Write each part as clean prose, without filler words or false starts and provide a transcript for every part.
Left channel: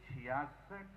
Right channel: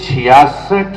66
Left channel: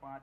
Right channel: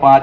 5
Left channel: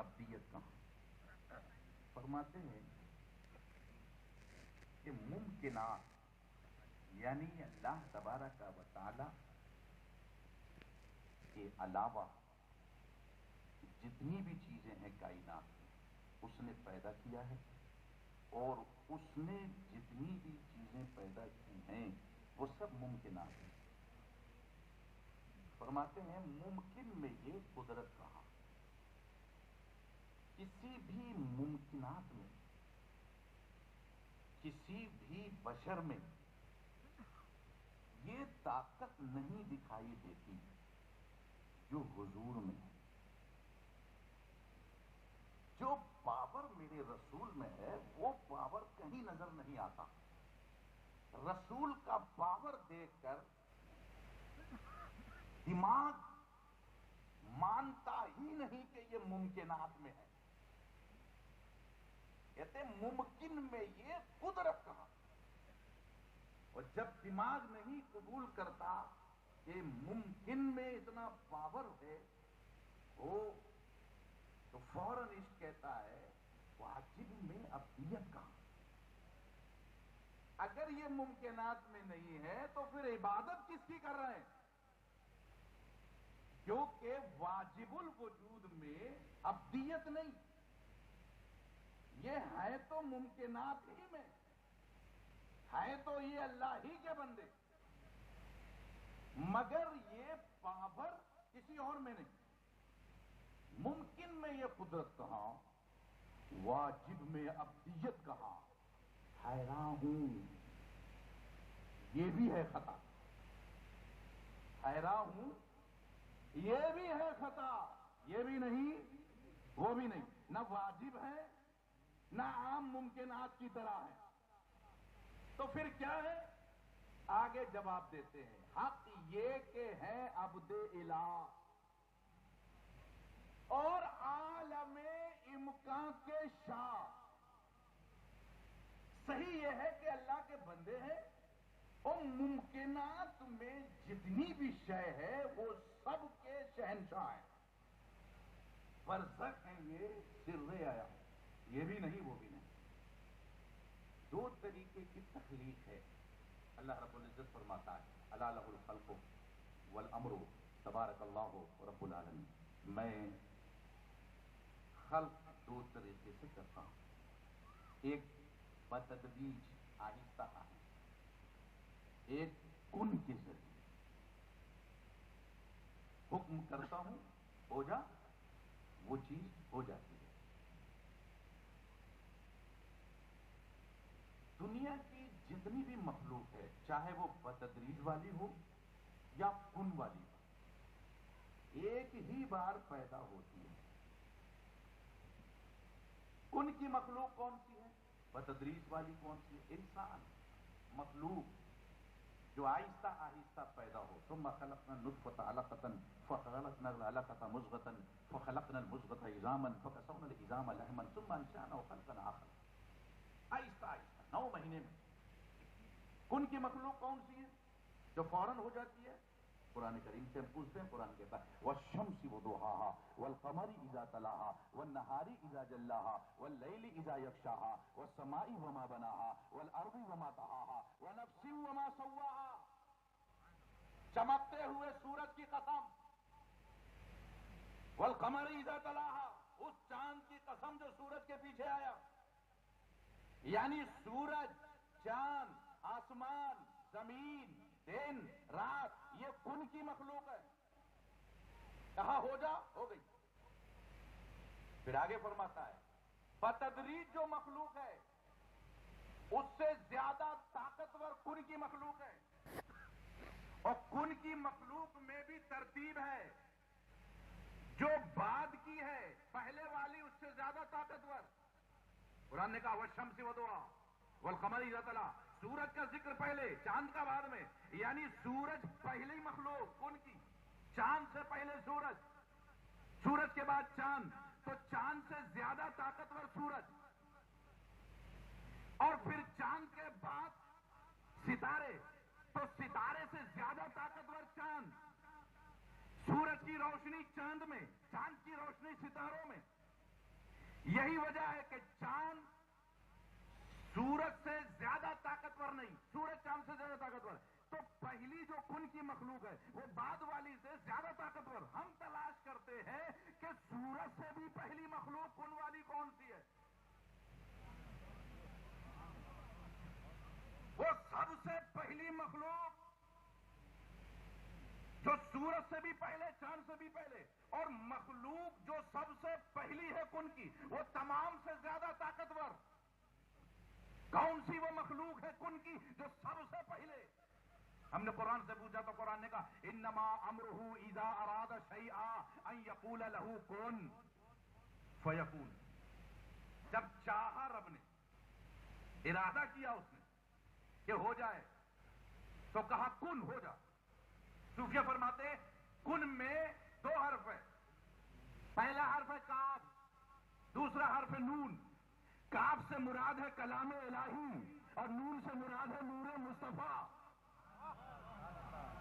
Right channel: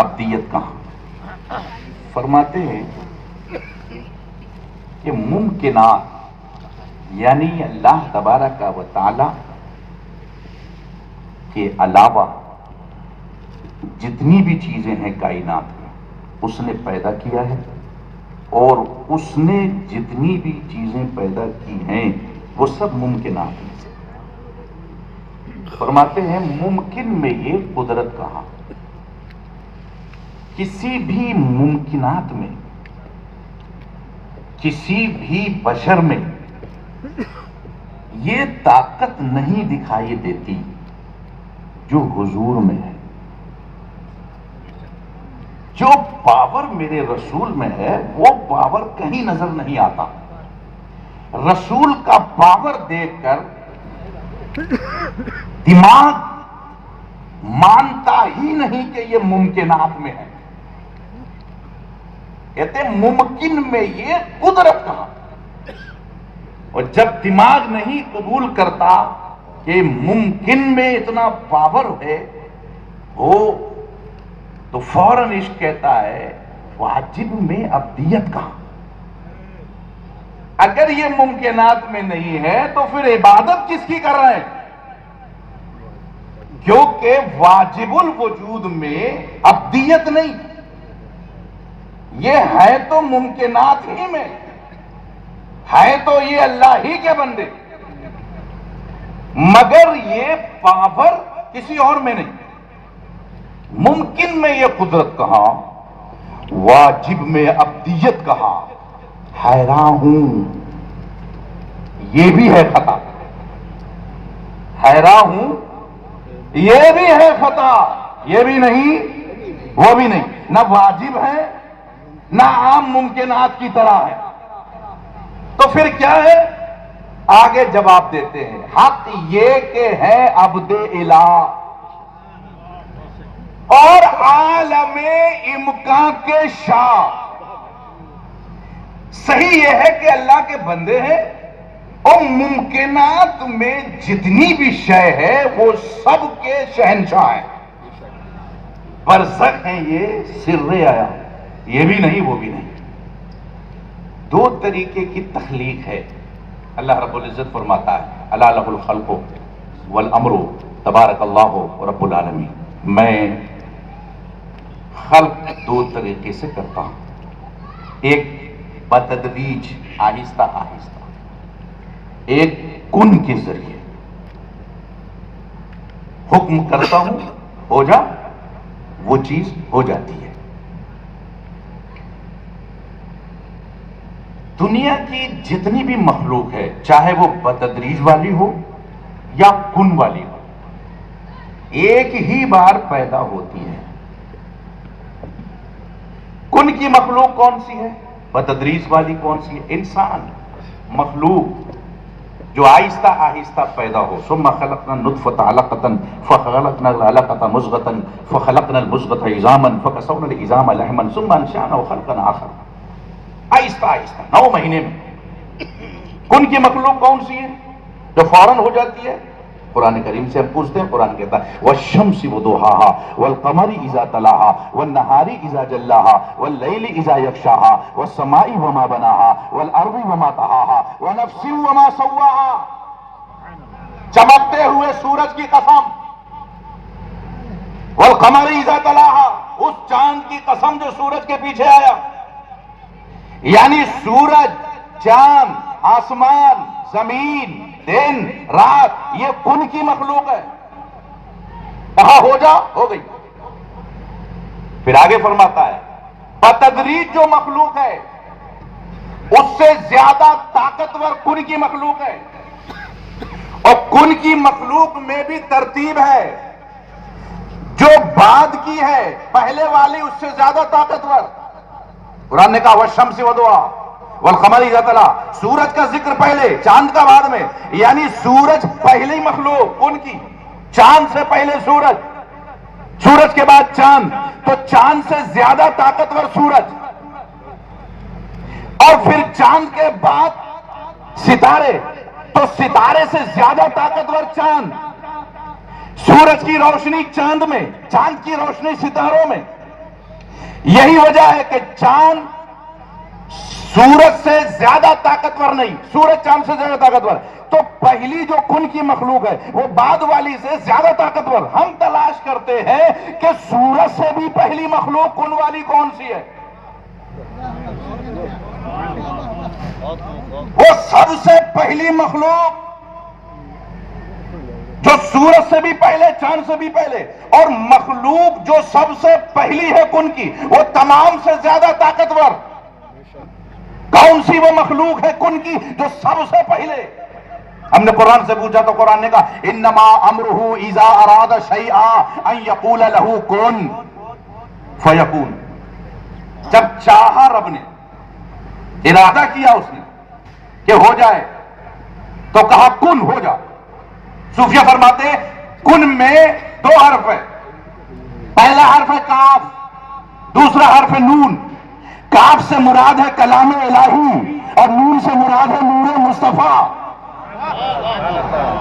ابدیت کہاں؟ فرماتے ہیں کہ ممکنات یعنی اللہ تبارک و تعالی کے علاوہ جتنی بھی چیزیں ہیں کائنات میں اس نے پیدا کیا ہے، اور اس نے جتنی بھی چیزیں پیدا کی ہیں وہ سب ممکنات میں سے۔ فرماتے ہیں ممکن میں یہ قدرت کہاں؟ کسی بھی ممکنات میں، کسی بھی بشر میں یہ طاقت نہیں دکھائی دیتی جو حضور میں ہے۔ جو پاور میرے رسول میں ہے وہ پاور کہیں نظر نہیں آتا۔ رسول کا پاور دیکھ کر دماغ مانتا ہی نہیں کہ یہ ممکنات میں ہے، کہتے ممکن میں یہ قدرت کہاں؟ اور جب دماغ نہیں قبول کرتا کہ ممکن میں اتنا پاور ہے ہو، تو فوراً عشق کہتا ہے واجب میں ابدیت کہاں؟ اگر یہ ممکنات میں نہیں ہے تو پھر عبادت کس کی کر رہے ہیں؟ کیونکہ واجب الوجود میں ابدیت نہیں، یہ ہے تو ممکنات ہی میں ہے، تو یہ اللہ ہی کے بندے، مگر یہ پاور کسی اور میں نہیں۔ ممکن میں یہ قدرت کہاں، واجب میں ابدیت کہاں؟ حیران ہوں، یہ بھی ہے خطا، حیران ہوں یہ بھی ہے خطا، یہ بھی نہیں وہ بھی نہیں، نہ واجب ہے نہ عام ممکنات کی طرح ہے، تو پھر کیا ہے؟ آگے جواب دیتے ہیں حق یہ کہ ہے عبد الہ اور عالم امکان کے شاہ۔ صحیح یہ ہے کہ اللہ کے بندے ہیں اور ممکنات میں جتنی بھی شے ہے وہ سب کے شہنشاہ ہیں، برزخ ہیں، یہ سر آیا، یہ بھی نہیں وہ بھی نہیں۔ دو طریقے کی تخلیق ہے۔ اللہ رب العزت فرماتا ہے الا لہ الخلق والامر تبارک اللہ رب العالمین، میں خلق دو طریقے سے کرتا ہوں، ایک بتدریج آہستہ آہستہ، ایک کن کے ذریعے حکم کرتا ہوں ہو جا، وہ چیز ہو جاتی ہے۔ دنیا کی جتنی بھی مخلوق ہے چاہے وہ بتدریج والی ہو یا کن والی ہو، ایک ہی بار پیدا ہوتی ہے۔ کن کی مخلوق کون سی ہے؟ بتدریج والی کون سی ہے؟ انسان مخلوق جو آہستہ آہستہ پیدا ہو۔ ثم خلقنا النطفة علقة فخلقنا العلقة مضغة فخلقنا المضغة عظاما فكسونا العظام لحما ثم انشأناه خلقا آخر، آہستہ آہستہ 9 مہینے میں۔ کن کی مخلوق کون سی ہے جو فوراً ہو جاتی ہے؟ قرآن کریم سے ہم پوچھتے ہیں، قرآن کہتا ہے والشمس وضحاها والقمر اذا تلاها والنهار اذا جلاها والليل اذا يغشاها والسماء وما بناها والارض وما طحاها ونفس وما سواها، چمکتے ہوئے سورج کی قسم، والقمر اذا تلاها، اس چاند کی قسم جو سورج کے پیچھے آیا، یعنی سورج، چاند، آسمان، زمین، دن، رات، یہ کن کی مخلوق ہے۔ کہا ہو جا، ہو گئی۔ پھر آگے فرماتا ہے بتدریج جو مخلوق ہے اس سے زیادہ طاقتور کن کی مخلوق ہے، اور کن کی مخلوق میں بھی ترتیب ہے، جو بعد کی ہے پہلے والی اس سے زیادہ طاقتور۔ قرآن نے کہا والشمس وضحاها والقمر اذا تلا، سورج کا ذکر پہلے چاند کا بعد میں، یعنی سورج پہلی مخلوق کن کی، چاند سے پہلے سورج، سورج کے بعد چاند، تو چاند سے زیادہ طاقتور سورج، اور پھر چاند کے بعد ستارے، تو ستارے سے زیادہ طاقتور چاند، سورج کی روشنی چاند میں، چاند کی روشنی ستاروں میں، یہی وجہ ہے کہ چاند سورج سے زیادہ طاقتور نہیں، سورج چاند سے زیادہ طاقتور، تو پہلی جو کن کی مخلوق ہے وہ بعد والی سے زیادہ طاقتور. ہم تلاش کرتے ہیں کہ سورج سے بھی پہلی مخلوق کن والی کون سی ہے. وہ سب سے پہلی مخلوق جو سورج سے بھی پہلے، چاند سے بھی پہلے، اور مخلوق جو سب سے پہلی ہے کن کی، وہ تمام سے زیادہ طاقتور. کون سی وہ مخلوق ہے کن کی جو سب سے پہلے؟ ہم نے قرآن سے پوچھا تو قرآن نے کہا انما امرہ اذا اراد شیئا ان یقول لہ کن فیکون. جب چاہا رب نے، ارادہ کیا اس نے کہ ہو جائے، تو کہا کن، ہو جا. صوفیہ فرماتے ہیں کن میں دو حرف ہے. پہلا حرف ہے کاف، دوسرا حرف ہے نون. کاف سے مراد ہے کلام الہی اور نون سے مراد ہے نور مصطفیٰ.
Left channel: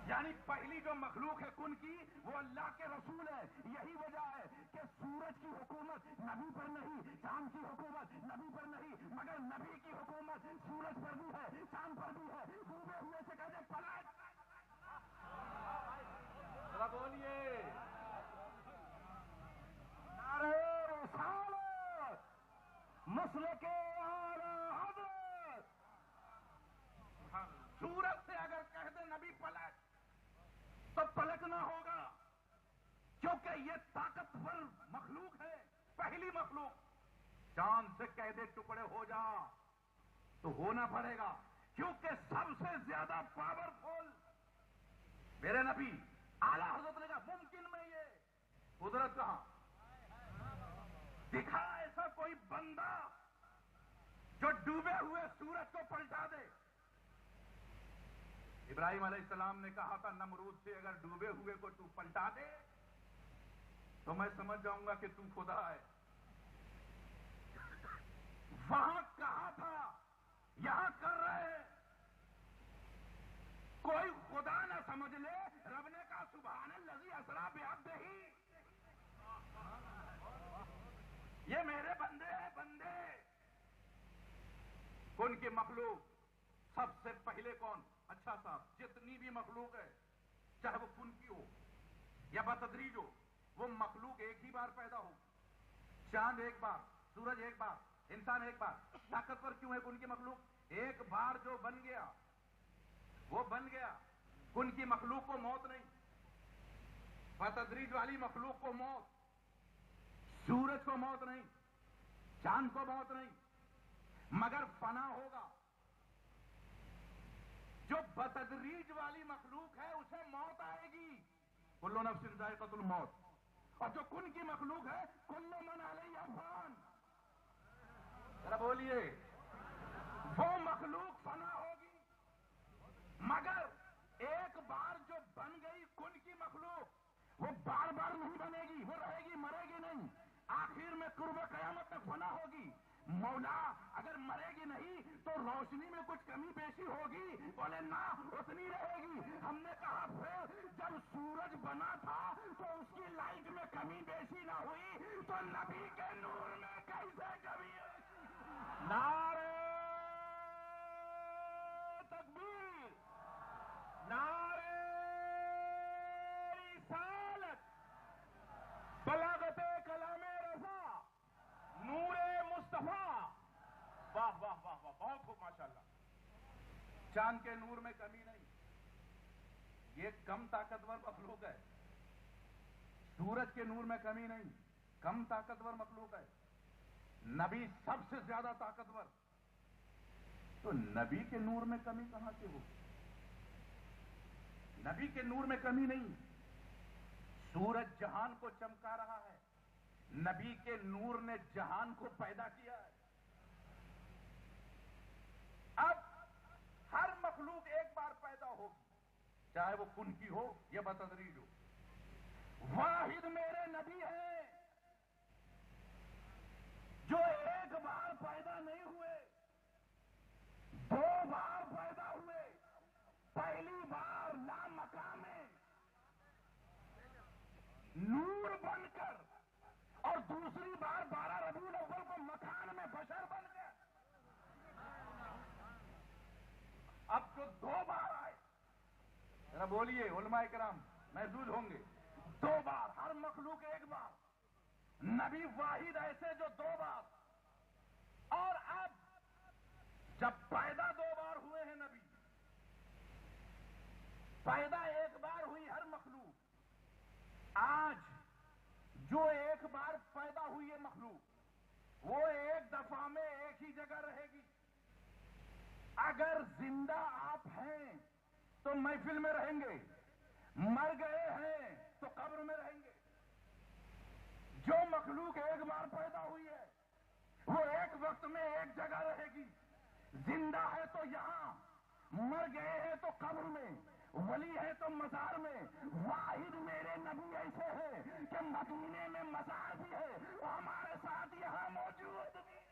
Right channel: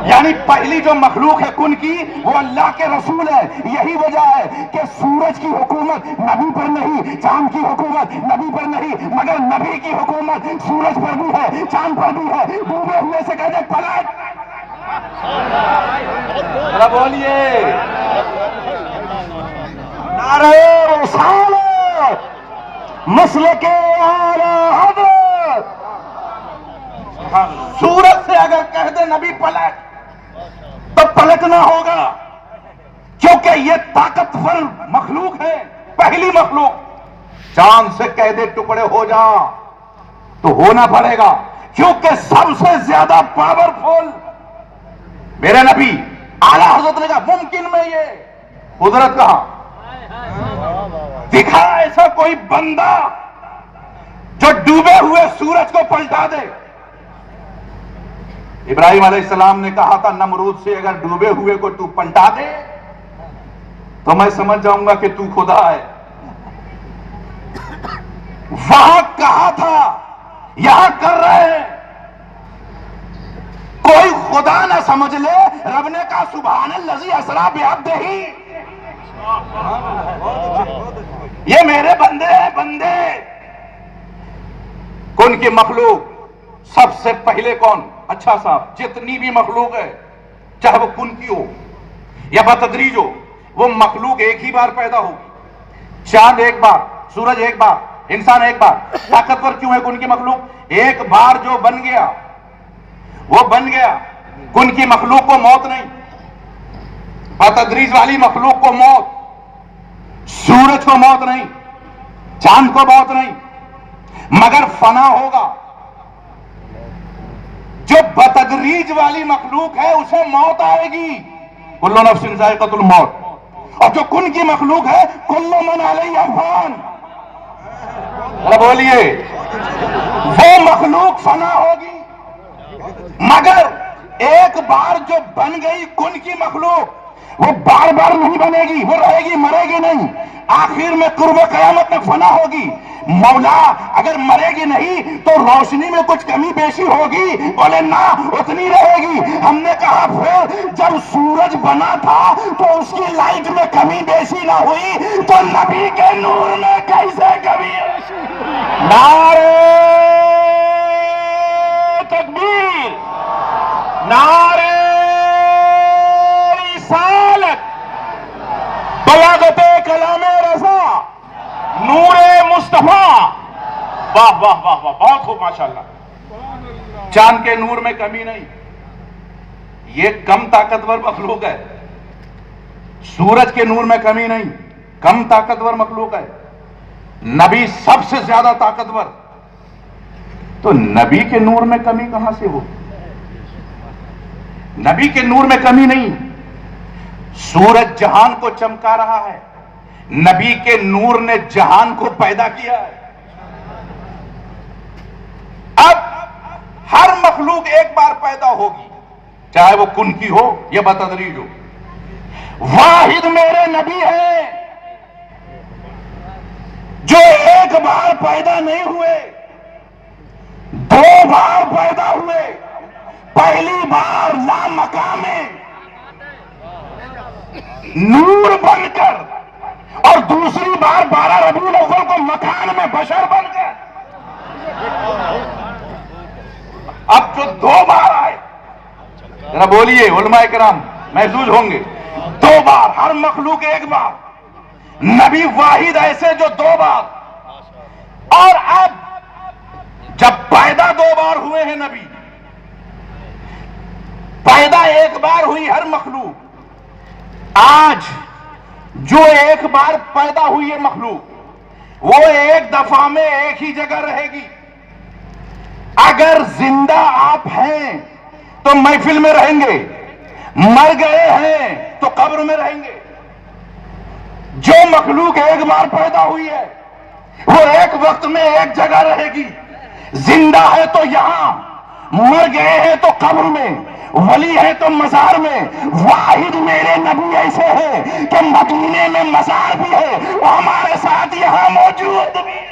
یعنی پہلی جو مخلوق ہے کن کی وہ اللہ کے رسول ہے. یہی وجہ ہے کہ سورج کی حکومت نبی پر نہیں، چاند کی حکومت نبی پر نہیں، مگر نبی کی حکومت سورج پر بھی ہے، چاند پر بھی ہے. ڈوبے ہوئے سے کہتے پلٹ. بولیے نعرہ رسالت، مسلک اعلی حضرت. سورج سے اگر کہہ دے نبی پلٹ تو پلٹنا ہوگا، کیونکہ یہ طاقتور مخلوق ہے، پہلی مخلوق. چاند سے کہہ دے ٹکڑے ہو جا تو ہونا پڑے گا، کیونکہ سب سے زیادہ پاورفل میرے نبی اعلی حضرت نے کہا ممکن میں یہ قدرت کہا دکھا ایسا کوئی بندہ جو ڈوبے ہوئے سورج کو پلٹا دے. ابراہیم علیہ السلام نے کہا تھا نمرود سے اگر ڈوبے ہوئے کو تو پلٹا دے تو میں سمجھ جاؤں گا کہ تو خدا ہے. وہاں کہا تھا، یہاں کر رہے ہیں. کوئی خدا نہ سمجھ لے، رب نے کہا سبحان الذی اسری بعبدہ، یہ میرے بندے ہیں، بندے. کن کی مخلوق سب سے پہلے کون؟ اچھا صاحب جتنی بھی مخلوق ہے، چاہے وہ کن کی ہو یا بتدریج ہو، وہ مخلوق ایک ہی بار پیدا ہوگی. چاند ایک بار، سورج ایک بار، انسان ایک بار. طاقتور کیوں ہے کن کی مخلوق؟ ایک بار جو بن گیا وہ بن گیا. کن کی مخلوق کو موت نہیں، بتدریج والی مخلوق کو موت، سورج کو موت نہیں، چاند کو موت نہیں، مگر فنا ہوگا. جو بتدریج والی مخلوق ہے اسے موت آئے گی، کل نفس ذائقۃ الموت. اور جو کن کی مخلوق ہے کل من علیہا فان، بولیے وہ مخلوق فنا ہوگی. مگر ایک بار جو بن گئی کن کی مخلوق وہ بار بار نہیں بنے گی، وہ رہے گی، مرے گی نہیں. آخر میں قرب قیامت میں فنا ہوگی. مولا اگر مرے گی نہیں تو روشنی میں کچھ کمی بیشی ہوگی، بولے نہ اتنی رہے گی. ہم نے کہا پھر جب سورج بنا تھا تو اس کی لائٹ میں کمی بیشی نہ ہوئی تو نبی کے نور میں کیسے کمی؟ نعرہ تکبیر، نعرہ رسالت، بلاغت کلام رضا، نور مصطفیٰ. واہ واہ واہ واہ، بہت خوب ماشاءاللہ. چاند کے نور میں کمی نہیں، یہ کم طاقتور مخلوق ہے. سورج کے نور میں کمی نہیں، کم طاقتور مخلوق ہے. نبی سب سے زیادہ طاقتور، تو نبی کے نور میں کمی کہاں سے ہو؟ نبی کے نور میں کمی نہیں. سورج جہان کو چمکا رہا ہے، نبی کے نور نے جہان کو پیدا کیا ہے. اب ہر مخلوق ایک بار پیدا ہوگی، چاہے وہ کن کی ہو یا بتدریج ہو. واحد میرے نبی ہے جو ایک بار پیدا نہیں ہوئے، دو بار پیدا ہوئے. پہلی بار لامکان میں نور بن کر، اور دوسری بار 12 ربیع الاول بدن میں بشر بن گئے. اب جو 2 بار آئے, ذرا بولیے علماء کرام محظوظ ہوں گے, 2 بار, ہر مخلوق 1 بار, نبی واحد ایسے جو 2 بار. اور اب جب پیدا 2 بار ہوئے ہیں نبی, پیدا 1 بار ہوئی ہر مخلوق, آج جو 1 بار پیدا ہوئی ہے مخلوق وہ 1 دفعہ میں ایک ہی جگہ رہے گی. اگر زندہ آپ ہیں تو محفل میں رہیں گے, مر گئے ہیں تو قبر میں رہیں گے. جو مخلوق 1 بار پیدا ہوئی ہے وہ ایک وقت میں ایک جگہ رہے گی. زندہ ہے تو یہاں, مر گئے ہیں تو قبر میں, ولی ہے تو مزار میں. واحد میرے نبی ایسے ہیں کہ مدینے میں مزار بھی ہے, وہ ہمارے ساتھ یہاں موجود بھی ہے.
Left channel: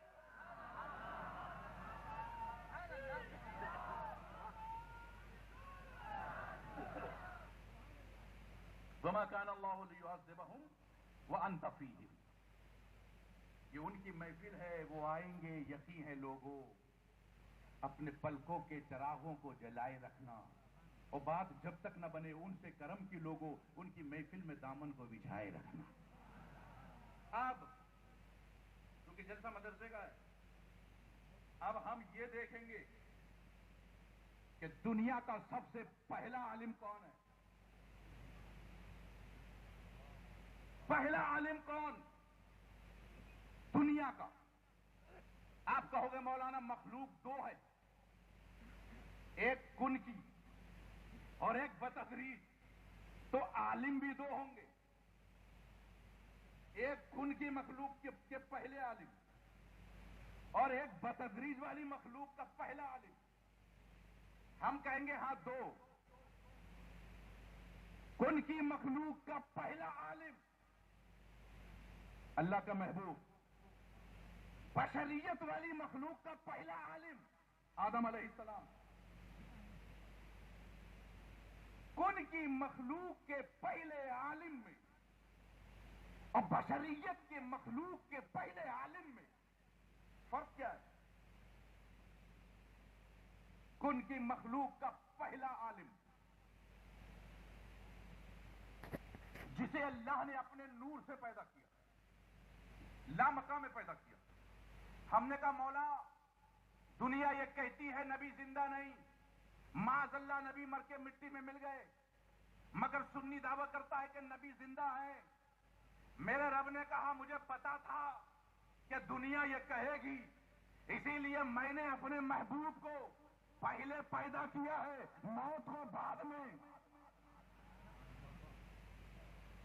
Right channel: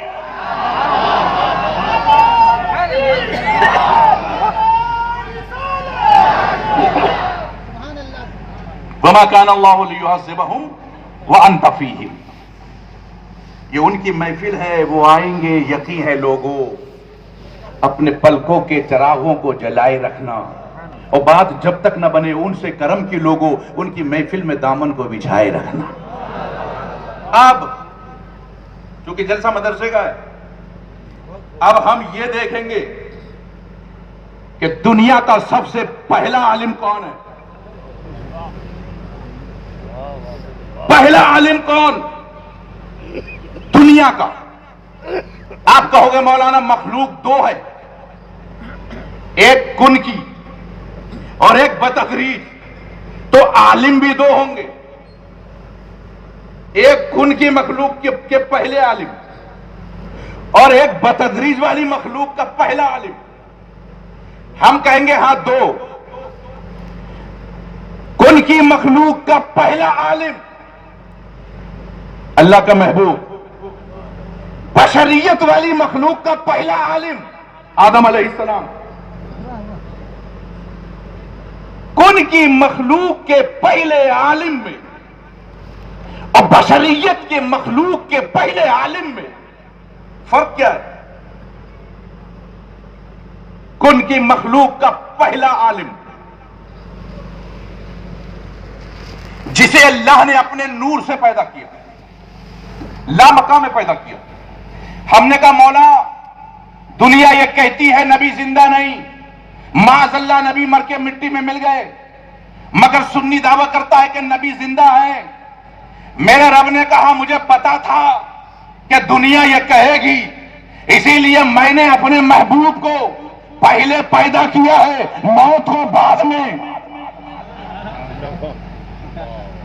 وما كان الله ليعذبهم وانت فيهم. یہ ان کی محفل ہے, وہ آئیں گے. یقین ہے لوگوں, اپنے پلکوں کے چراغوں کو جلائے رکھنا, اور بات جب تک نہ بنے ان سے کرم کی لوگوں, ان کی محفل میں دامن کو بچھائے رکھنا. اب چونکہ جلسہ مدرسے کا ہے, اب ہم یہ دیکھیں گے کہ دنیا کا سب سے پہلا عالم کون ہے. پہلا عالم کون دنیا کا؟ آپ کہو گے مولانا مخلوق 2 ہے, ایک کن کی اور ایک بتدریج, تو عالم بھی 2 ہوں گے. ایک کن کی مخلوق کے پہلے عالم اور ایک بتدریج والی مخلوق کا پہلا عالم. ہم کہیں گے ہاں 2. کن کی مخلوق کا پہلا عالم اللہ کا محبوب. بشریت والی مخلوق کا پہلا عالم آدم علیہ السلام. کن کی مخلوق کے پہلے عالم میں اور بشریت کے مخلوق کے پہلے عالم میں فرق کیا ہے؟ کن کی مخلوق کا پہلا عالم جسے اللہ نے اپنے نور سے پیدا کیا, لامکاں میں پیدا کیا. ہم نے کہا مولا دنیا یہ کہتی ہے نبی زندہ نہیں, معاذ اللہ نبی مر کے مٹی میں مل گئے, مگر سنی دعویٰ کرتا ہے کہ نبی زندہ ہے. میرے رب نے کہا مجھے پتا تھا کہ دنیا یہ کہے گی, اسی لیے میں نے اپنے محبوب کو پہلے پیدا کیا ہے, موت ہو بعد میں.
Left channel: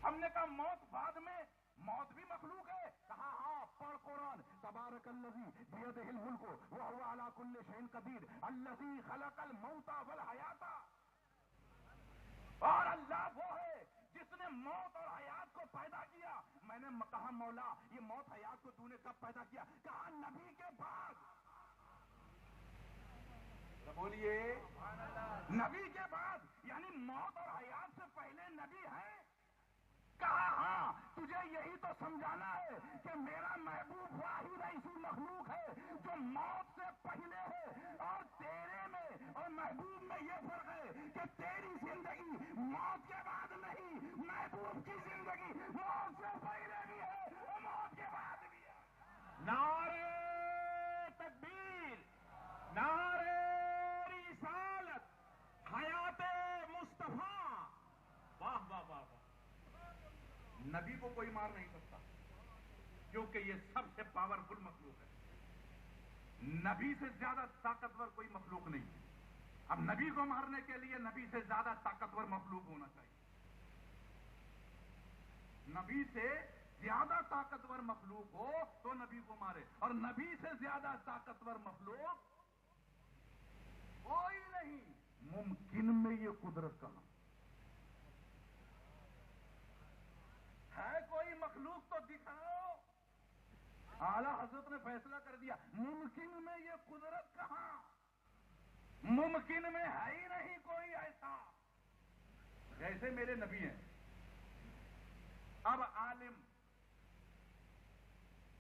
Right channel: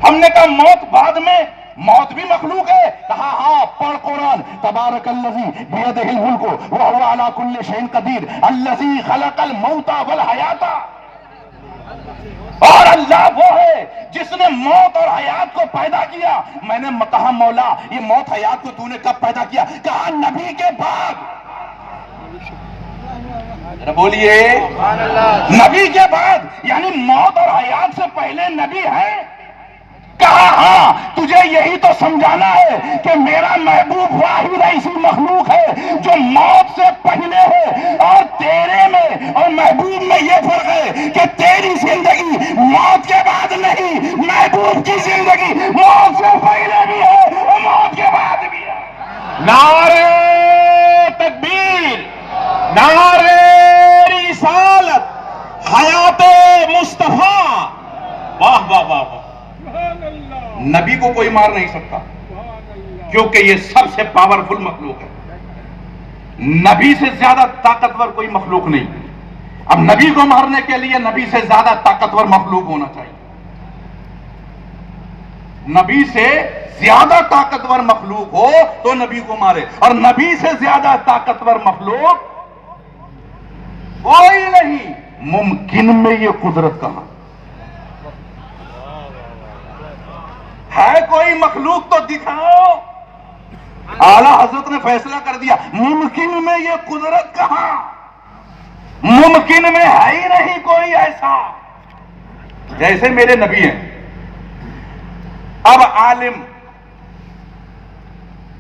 ہم نے کہا موت بعد میں, موت بھی مخلوق ہے. کہا ہاں, پڑھ قرآن, تبارک الذی بیدہ الملک وہو علی کل شیء قدیر الذی خلق الموت والحیات. اور اللہ وہ ہے جس نے موت اور حیات کو پیدا کیا. میں نے کہا مولا یہ موت حیات کو تو نے کب پیدا کیا؟ کہا نبی کے بعد. بولیے نبی کے بعد, یعنی موت اور حیات سے پہلے نبی ہے. کہا ہاں, تجھے یہی تو سمجھانا ہے کہ میرا محبوب واحد ایسی مخلوق ہے جو موت سے پہلے ہے, اور تیرے میں اور محبوب میں یہ فرق ہے کہ تیری زندگی موت کے بعد نہیں, محبوب کی زندگی موت سے پہلے بھی ہے اور موت کے بعد بھی ہے. نعرہ تکبیر, نعرہ رسالت, حیات مصطفیٰ. واہ واہ واہ واہ. نبی کو کوئی مار نہیں سکتا کیونکہ یہ سب سے پاورفل مخلوق ہے. نبی سے زیادہ طاقتور کوئی مخلوق نہیں. اب نبی کو مارنے کے لیے نبی سے زیادہ طاقتور مخلوق ہونا چاہیے. نبی سے زیادہ طاقتور مخلوق ہو تو نبی کو مارے, اور نبی سے زیادہ طاقتور مخلوق کوئی نہیں. ممکن میں یہ قدرت کہاں ہے؟ کوئی مخلوق تو دکھاؤ. اعلیٰ حضرت نے فیصلہ کر دیا, ممکن میں یہ قدرت کہاں, ممکن میں ہے ہی نہیں کوئی ایسا جیسے میرے نبی ہیں. اب عالم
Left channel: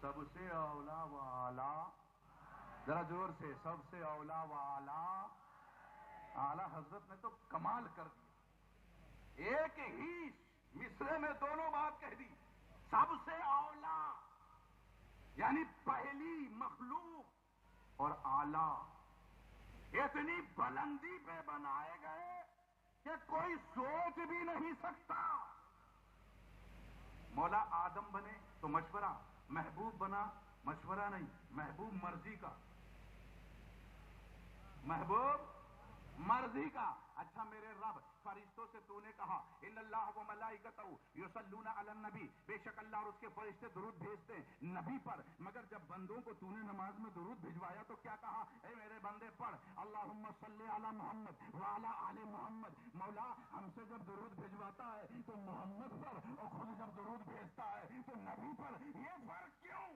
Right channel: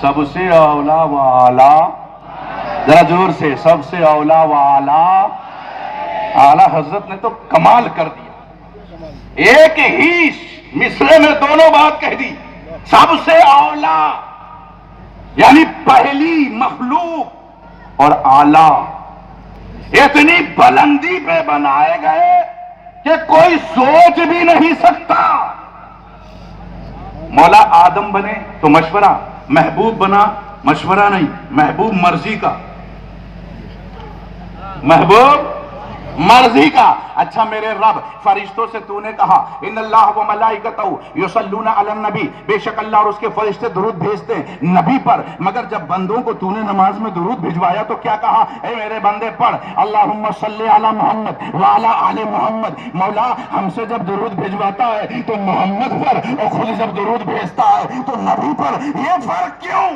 سب سے اولا و اعلیٰ، ذرا زور سے، سب سے اولا و اعلیٰ، اعلیٰ حضرت نے تو کمال کر دیا، ایک ہی مصرے میں دونوں بات کہہ دی، سب سے اولا یعنی پہلی مخلوق اور اعلیٰ، اتنی بلندی پہ بنائے گئے کہ کوئی سوچ بھی نہیں سکتا۔ مولا آدم بنے تو مشورہ، محبوب بنا مشورہ نہیں، محبوب مرضی کا، محبوب مرضی کا۔ اچھا میرے رب، فرشتوں سے تو نے کہا ان اللہ و ملائکتہ یصلون علی النبی، بے شک اللہ اور اس کے فرشتے درود بھیجتے ہیں نبی پر، مگر جب بندوں کو تو نے نماز میں درود بھجوایا تو کیا کہا؟ اے میرے بندے پڑھ اللہم صلی علی محمد وعلی آل محمد۔ مولا ہم سے جب درود بھجواتا ہے تو محمد پر، اور خود جب درود بھیجتا ہے تو نبی پر، یہ فرق کیوں؟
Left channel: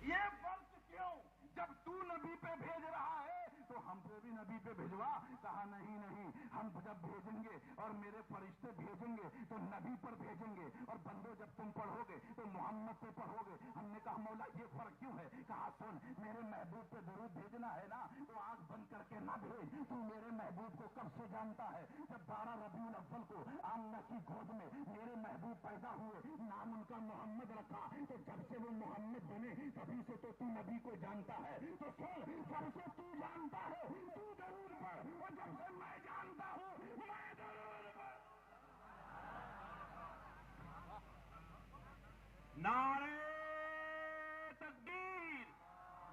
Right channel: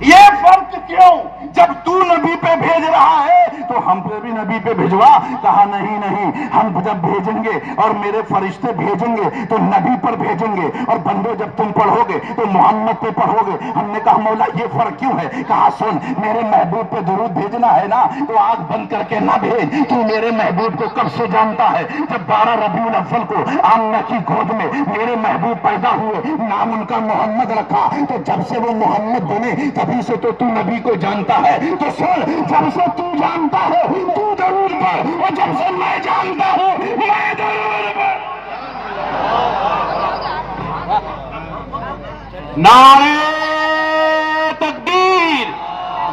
یہ فرق کیوں؟ جب تو نبی پہ بھیج رہا ہے تو ہم پہ بھی نبی پہ بھجوا۔ کہا نہیں نہیں، ہم جب بھیجیں گے اور میرے فرشتے بھیجیں گے تو نبی پر بھیجیں گے، اور بندے جب تم پڑھو گے تو محمد پہ پڑھو گے۔ ہم نے کہا مولا یہ فرق کیوں ہے؟ کہا سن، میرے محبوب پہ درود بھیجنا ہے نا تو آنکھ بند کر کے نہ بھیج۔ تو میرے محبوب کو کب سے جانتا ہے؟ جب 12 ربیع الاول کو آمنہ کی گود میں میرے محبوب پیدا ہوئے، نام ان کا محمد رکھا، تو جب سے وہ محمد بنے تبھی سے تو نبی کو جانتا ہے۔ تو سن، جب سے تو جانتا ہے تو درود پڑھ، اور جب سے میں جانتا ہوں میں درود پڑھ۔ نعرہ تکبیر،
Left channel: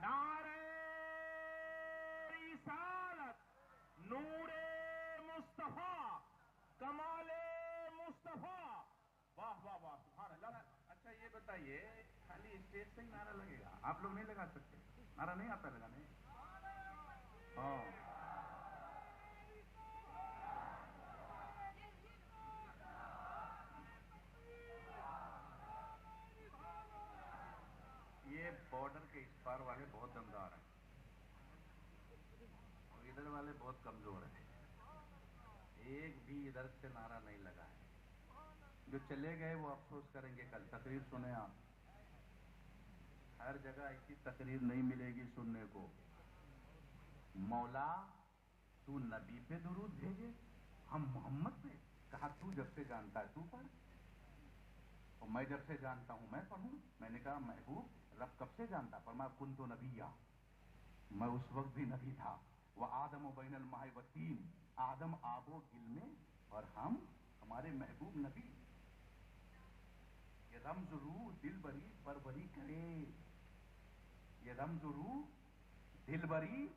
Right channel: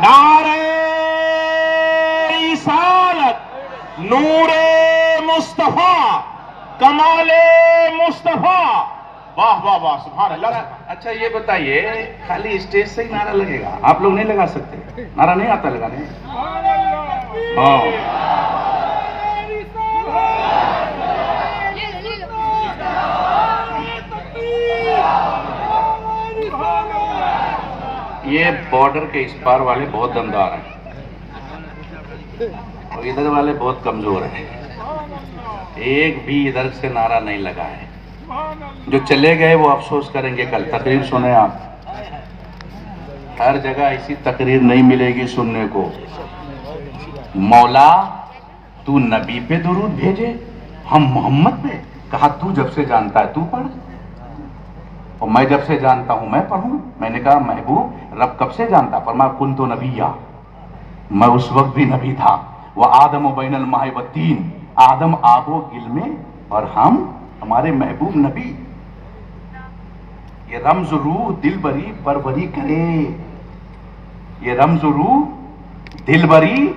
نعرہ رسالت، نور مصطفیٰ، کمال مصطفیٰ، واہ واہ واہ، سبحان اللہ۔ اچھا یہ بتائیے، خالی اسٹیج سے ہی نعرہ لگے گا؟ آپ لوگ نہیں لگا سکتے؟ نعرہ نہیں آتا لگانے؟ ہاں یہ بارڈر کے اس پار والے بہت دمدار ہیں اور ادھر والے بہت کمزور ہیں، ایک بھی ادھر سے نعرہ نہیں لگا ہے۔ جو چلے گئے وہ افسوس کریں گے کل۔ تقریر سنیں آپ، ہر جگہ ایسی تقریر نہیں ملے گی سننے کو۔ مولا تو نبی پہ درود بھیجے، ہم محمد پہ؟ کہا تو جب سے جانتا ہے تو پڑھ، اور میں جب سے جانتا ہوں میں پڑھوں۔ میں نے کہا محبوب رب کب سے جانتا؟ فرمایا کنت نبیّا، میں اس وقت بھی نبی تھا۔ وآدم بین الماء والطین، آدم آب و گل میں اور ہمارے محبوب نبی۔ یہ رمز روح دل بری پروری کرے، یہ رمز روح دل بری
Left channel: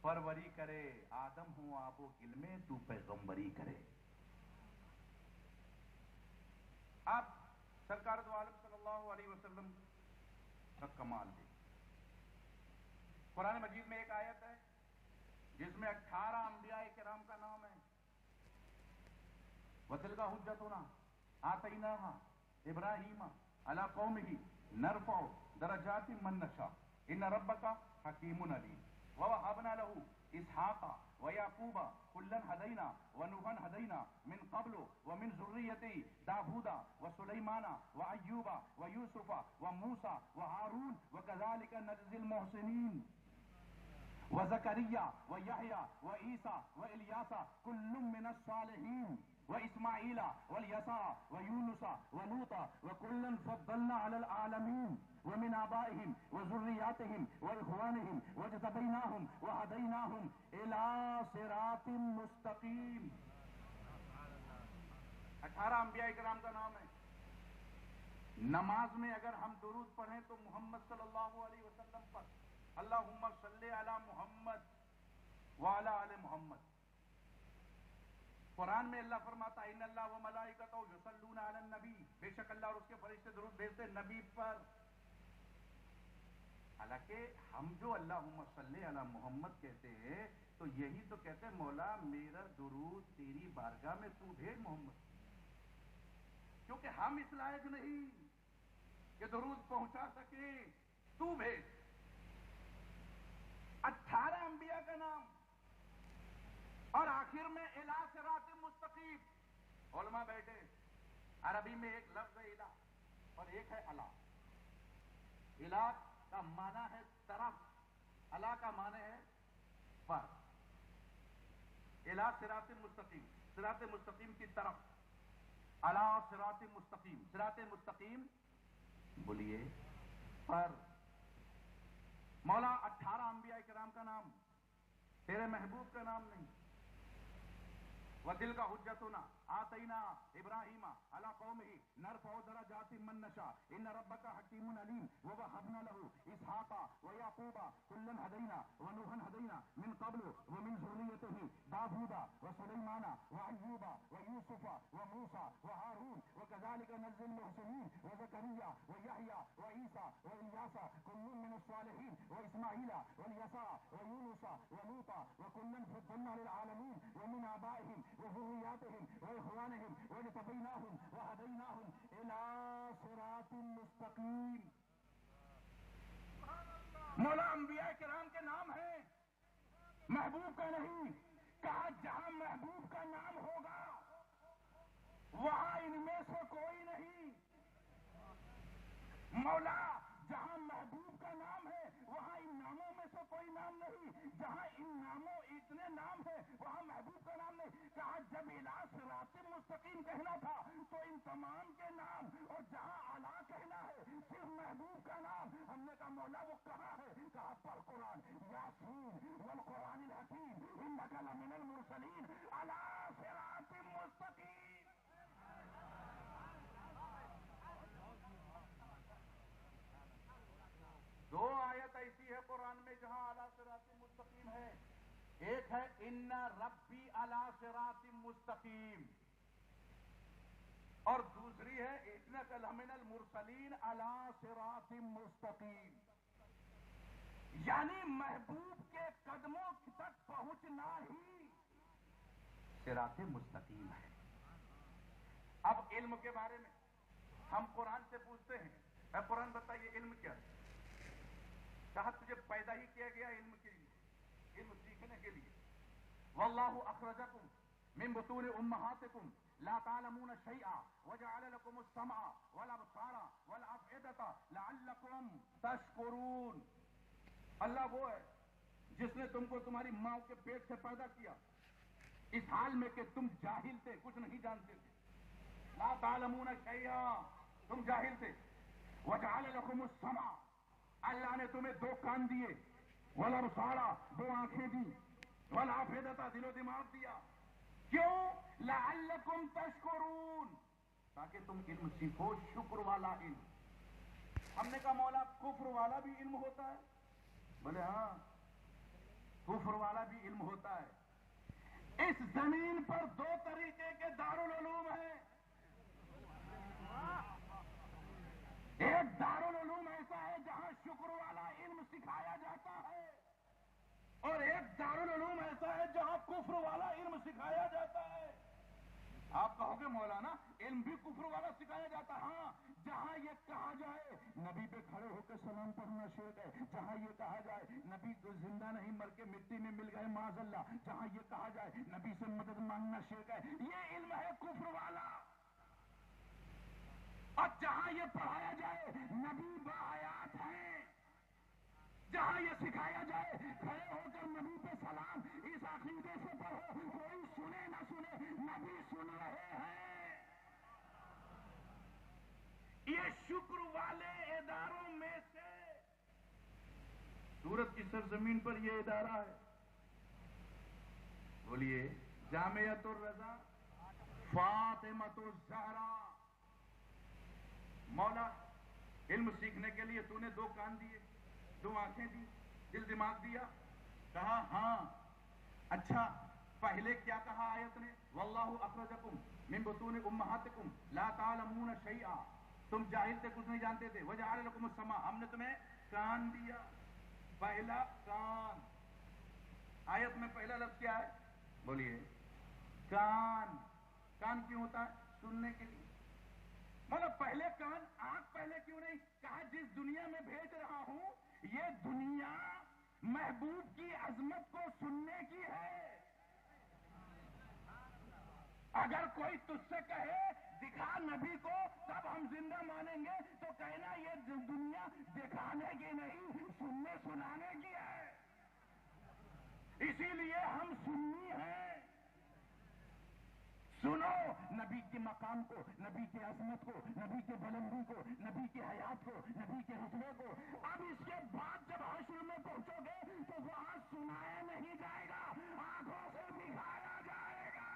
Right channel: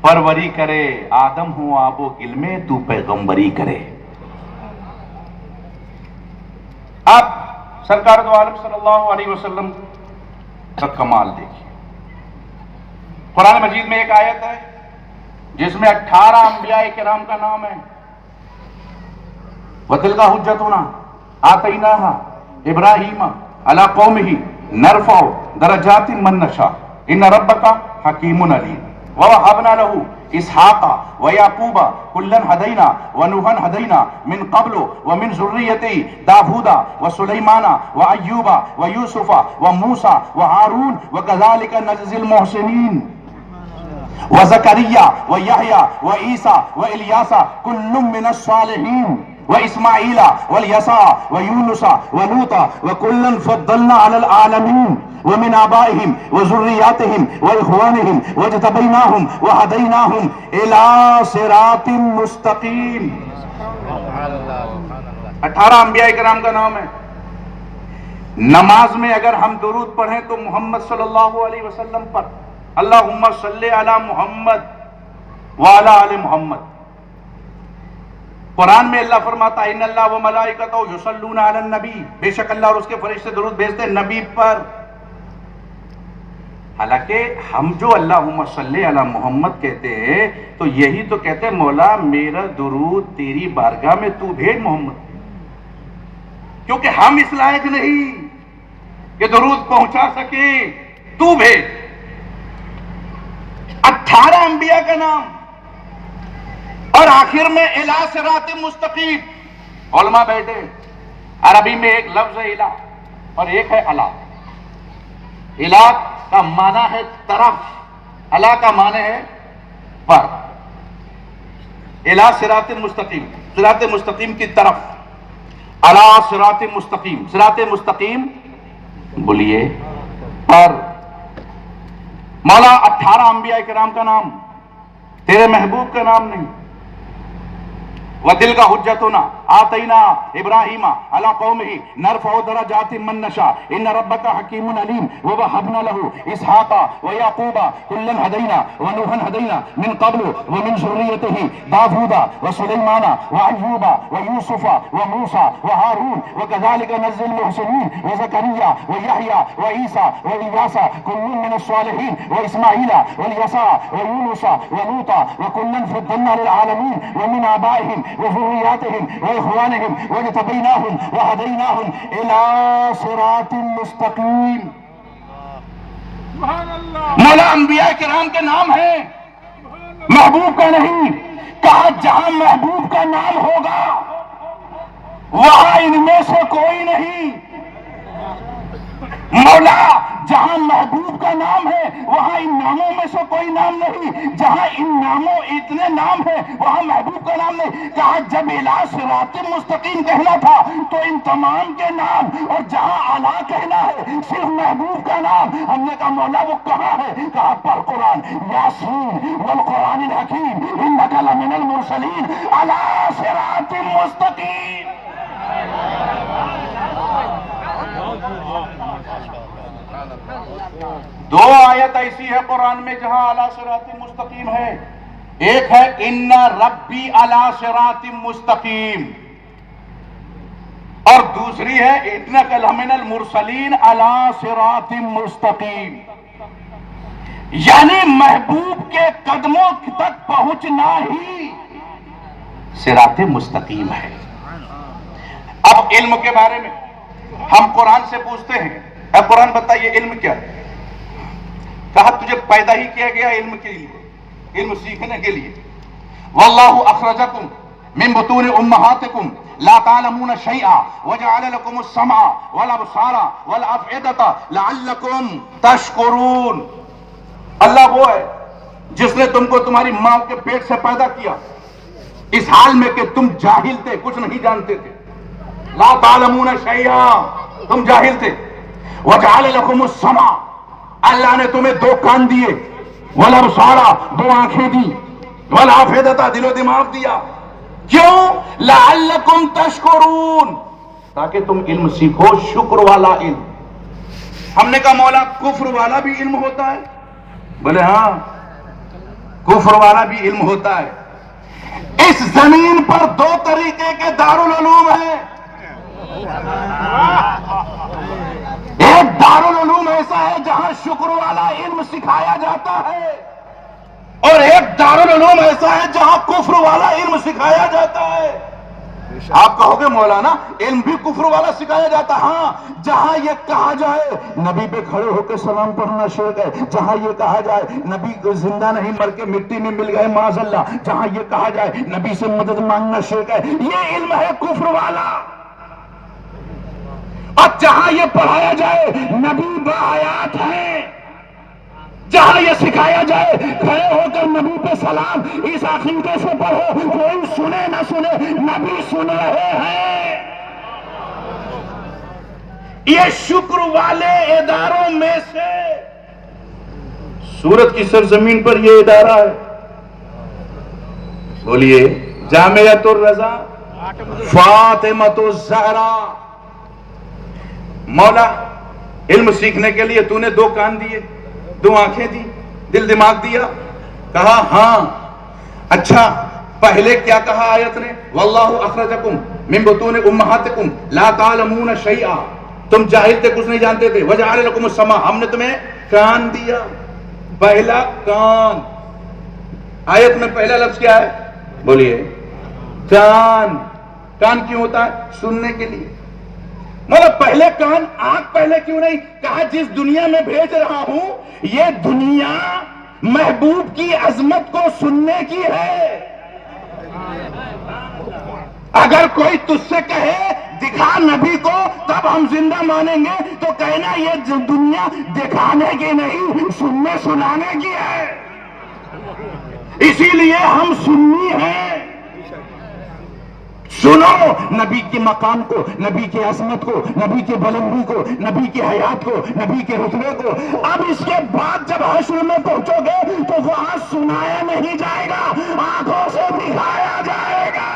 پروری کرے، آدم ہوں آب و گل میں تو پیغمبری کرے۔ اب سرکار دو عالم صلی اللہ علیہ وسلم کا کمال دیکھیے۔ قرآن مجید میں ایک آیت ہے جس میں 18 انبیاء کرام کا نام ہے۔ وَتِلْكَ حُجَّتُنَا آتَيْنَاهَا إِبْرَاهِيمَ عَلَىٰ قَوْمِهِ نَرْفَعُ دَرَجَاتٍ مَّن نَّشَاءُ إِنَّ رَبَّكَ حَكِيمٌ عَلِيمٌ وَوَهَبْنَا لَهُ إِسْحَاقَ وَيَعْقُوبَ كُلًّا هَدَيْنَا وَنُوحًا هَدَيْنَا مِن قَبْلُ وَمِن ذُرِّيَّتِهِ دَاوُودَ وَسُلَيْمَانَ وَأَيُّوبَ وَيُوسُفَ وَمُوسَىٰ وَهَارُونَ وَكَذَٰلِكَ نَجْزِي الْمُحْسِنِينَ وَزَكَرِيَّا وَيَحْيَىٰ وَعِيسَىٰ وَإِلْيَاسَ كُلٌّ مِّنَ الصَّالِحِينَ وإسماعيل واليسع ويونس ولوطا وكلا فضلنا على العالمين ومن آبائهم وذرياتهم وإخوانهم واجتبيناهم وهديناهم إلى صراط مستقيم۔ 18 انبیاء کرام کا نام ہے۔ نماز میں اگر ہم درود پڑھیں تو محمد صلی اللہ علیہ وسلم پر، اللہم صلی علی محمد وعلی آل محمد۔ قرآن میں اللہ فرماتا ہے ان اللہ و ملائکتہ یصلون علی النبی، بے شک اللہ اور اس کے فرشتے درود بھیجتے ہیں نبی پر۔ حالانکہ ہم جو اللہم صلی علی محمد کہتے ہیں تو یہی تو کہتے ہیں مولا میرا درود تیری بارگاہ میں تو بھیج محمد، کیونکہ ہم اس لائق نہیں کہ درود پہنچا سکے، تو بھیج۔ 18 انبیاء کا نام اور آخر میں الہ صراط مستقیم۔ علماء بیٹھے، عربی میں ایک لفظ ہے الہ، اور ایک ہے الا. الا کا معنی ہے طرف، الا کا معنی ہے پر. الا صراط مستقیم، صراط مستقیم کی طرف. الا صراط مستقیم، صراط مستقیم بولیے پر. مولا 18 انبیاء کرام کا نام، تیرے محبوب کا نام نہیں. وَتِلْكَ حُجَّتُنَا آتَيْنَا إِبْرَاهِيمَ عَلَى قَوْمِهِ نَرْفَعُ دَرَجَاتٍ مَّن نَّشَاءُ إِنَّ رَبَّكَ حَكِيمٌ عَلِيمٌ وَوَهَبْنَا لَهُ إِسْحَاقَ وَيَعْقُوبَ كُلًّا هَدَيْنَا وَنُوحًا هَدَيْنَا مِن قَبْلُ وَمِن ذُرِّيَّتِهِ دَاوُودَ وَسُلَيْمَانَ وَأَيُّوبَ وَيُوسُفَ وَمُوسَى وَهَارُونَ وَكَذَلِكَ نَجْزِي الْمُحْسِنِينَ وَزَكَرِيَّا وَيَحْيَىٰ وَعِيسَىٰ وَإِلْيَاسَ كُلٌّ مِّنَ الصَّالِحِينَ وَإِسْمَاعِيلَ وَالْيَسَعَ وَيُونُسَ وَلُوطًا وَكُلًّا فَضَّلْنَا لِلْعَالَمِينَ وَمِنْ آبَائِهِمْ وذرياتهم وإخوانهم واجتبيناهم وهديناهم إلى صراط مستقيم. مولا انبیاء کرام کے نام ہے، محبوب کا نہیں. کہا جہاں محبوب کا نام ہوگا وہاں ان میں سے کوئی نہیں. مولا جہاں محبوب کا نام ہے وہاں ان ناموں میں سے کوئی نام نہیں. جہاں ان ناموں اتنے نام ہیں وہاں محبوب کا نام نہیں. کہا جب الا صراط مستقیم کہنا تھا تو ان تمام کے نام، اور جہاں اعلیٰ کہنا ہے صرف محبوب کا نام. ہم نے کہا مولا وہ کہاں ہے؟ کہا پر قرآن، یاسین والقرآن الحکیم انک لمن المرسلین علی صراط مستقیم. دو آیت ایسی ہے قرآن میں جہاں علی صراط مستقیم ہے. ایک ہے ان ربی علی صراط مستقیم، اور دوسری ہے انک لمن المرسلین علی صراط مستقیم. یعنی محبوب کے قدموں تک پہنچنا ہی صراط مستقیم ہے. اب علم کے بارے میں ہم قرآن سے پوچھتے ہیں، اے قرآن بتائیے علم کیا ہے؟ کہا تجھے پیدا ہی کیا گیا علم کے لیے، علم سیکھنے کے لیے. واللہ اخرجکم من بطون امہاتکم لا تعلمون شیئا وجعل لکم السمع والابصار والافئدۃ لعلکم تشکرون. اللہ وہ ہے جس نے تم کو تمہاری ماں کے پیٹ سے پیدا کیا اس حال میں کہ تم جاہل تھے، کچھ نہیں جانتے تھے. لا تعلمون شیئا، تم جاہل تھے. وجعل لکم السمع، اللہ نے تمہیں دو کان دیے، والابصار، دو آنکھیں دی، والافئدۃ، دل و دماغ دیا. کیوں؟ لعلکم تشکرون، تاکہ تم علم سیکھو، شکر والا علم. ہم نے کہا مولا کفر والا بھی علم ہوتا ہے؟ بولے ہاں کفر والا بھی علم ہوتا ہے. اس زمین پر دو طریقے کے دارالعلوم ہیں. ایک دارالعلوم ایسا ہے جہاں شکر والا علم سکھایا جاتا ہے، اور ایک دارالعلوم ایسا ہے جہاں کفر والا علم سکھایا جاتا ہے. آپ کہو گے مولانا علم بھی کفر والا سکھایا جاتا. ہاں، جہاں یہ کہا جائے نبی پہ کھڑے ہو کے سلام پڑھنا شرک ہے، جہاں یہ کہا جائے نبی کو زندہ نہیں مر کے مٹی میں مل گئے معاذ اللہ، جہاں یہ کہا جائے نبی سے مدد مانگنا شرک ہے، یہ علم ہے کفر والا. اور جہاں یہ پڑھایا جائے نبی باحیات ہے، جہاں یہ سکھایا جائے کھڑے ہو کر نبی پہ سلام اس عقیدے سے پڑھو، کوئی سنے نہ سنے نبی سن رہے ہیں. یہ شکر والے اداروں میں سے سورت کی سرزمین پر یہ ادارہ ہے. بولیے جامعۃ الرضا فاطمۃ الزہرا. مولا علم سیکھنے کے لیے تو نے دو کان دیے، دو آنکھیں دی، دل دماغ دیا. کہا ہاں. اچھا پہلے کیا کہا آیت نے؟ واللہ اخرجکم من بطون امہاتکم لا تعلمون شیئا، تم جاہل تھے، کچھ نہیں جانتے تھے. وجعل لکم السمع، ہم نے تمہیں کان دیا. پہلا کان. آیت میں پہلا لفظ کیا ہے؟ بولیے کان. کان کیوں ہوتا ہے؟ سننے کے لیے. مطلب پہلے کان، آنکھ پہلے کیوں نہیں؟ کہا جس دنیا میں بھیج رہا ہوں یہ دنیا محبوب کی عظمت کو سننے کی ہے. اگر کوئی تجھ سے کہے دکھا نبی کو تب ہم زندہ مانیں گے. تو کہنا یہ دنیا دکھانے کی نہیں سننے سنانے کی ہے. اسی لیے ہم سنی ہیں. سنو نبی کے مقام کو، نبی کی عظمت کو، نبی کی بلندی کو، نبی کی حیات کو، نبی کے رتبے کو. اب اس کے بعد جب حشر میں پہنچو گے تو وہاں سنایا نہیں جائے گا، آنکھوں سے دکھایا جائے گا.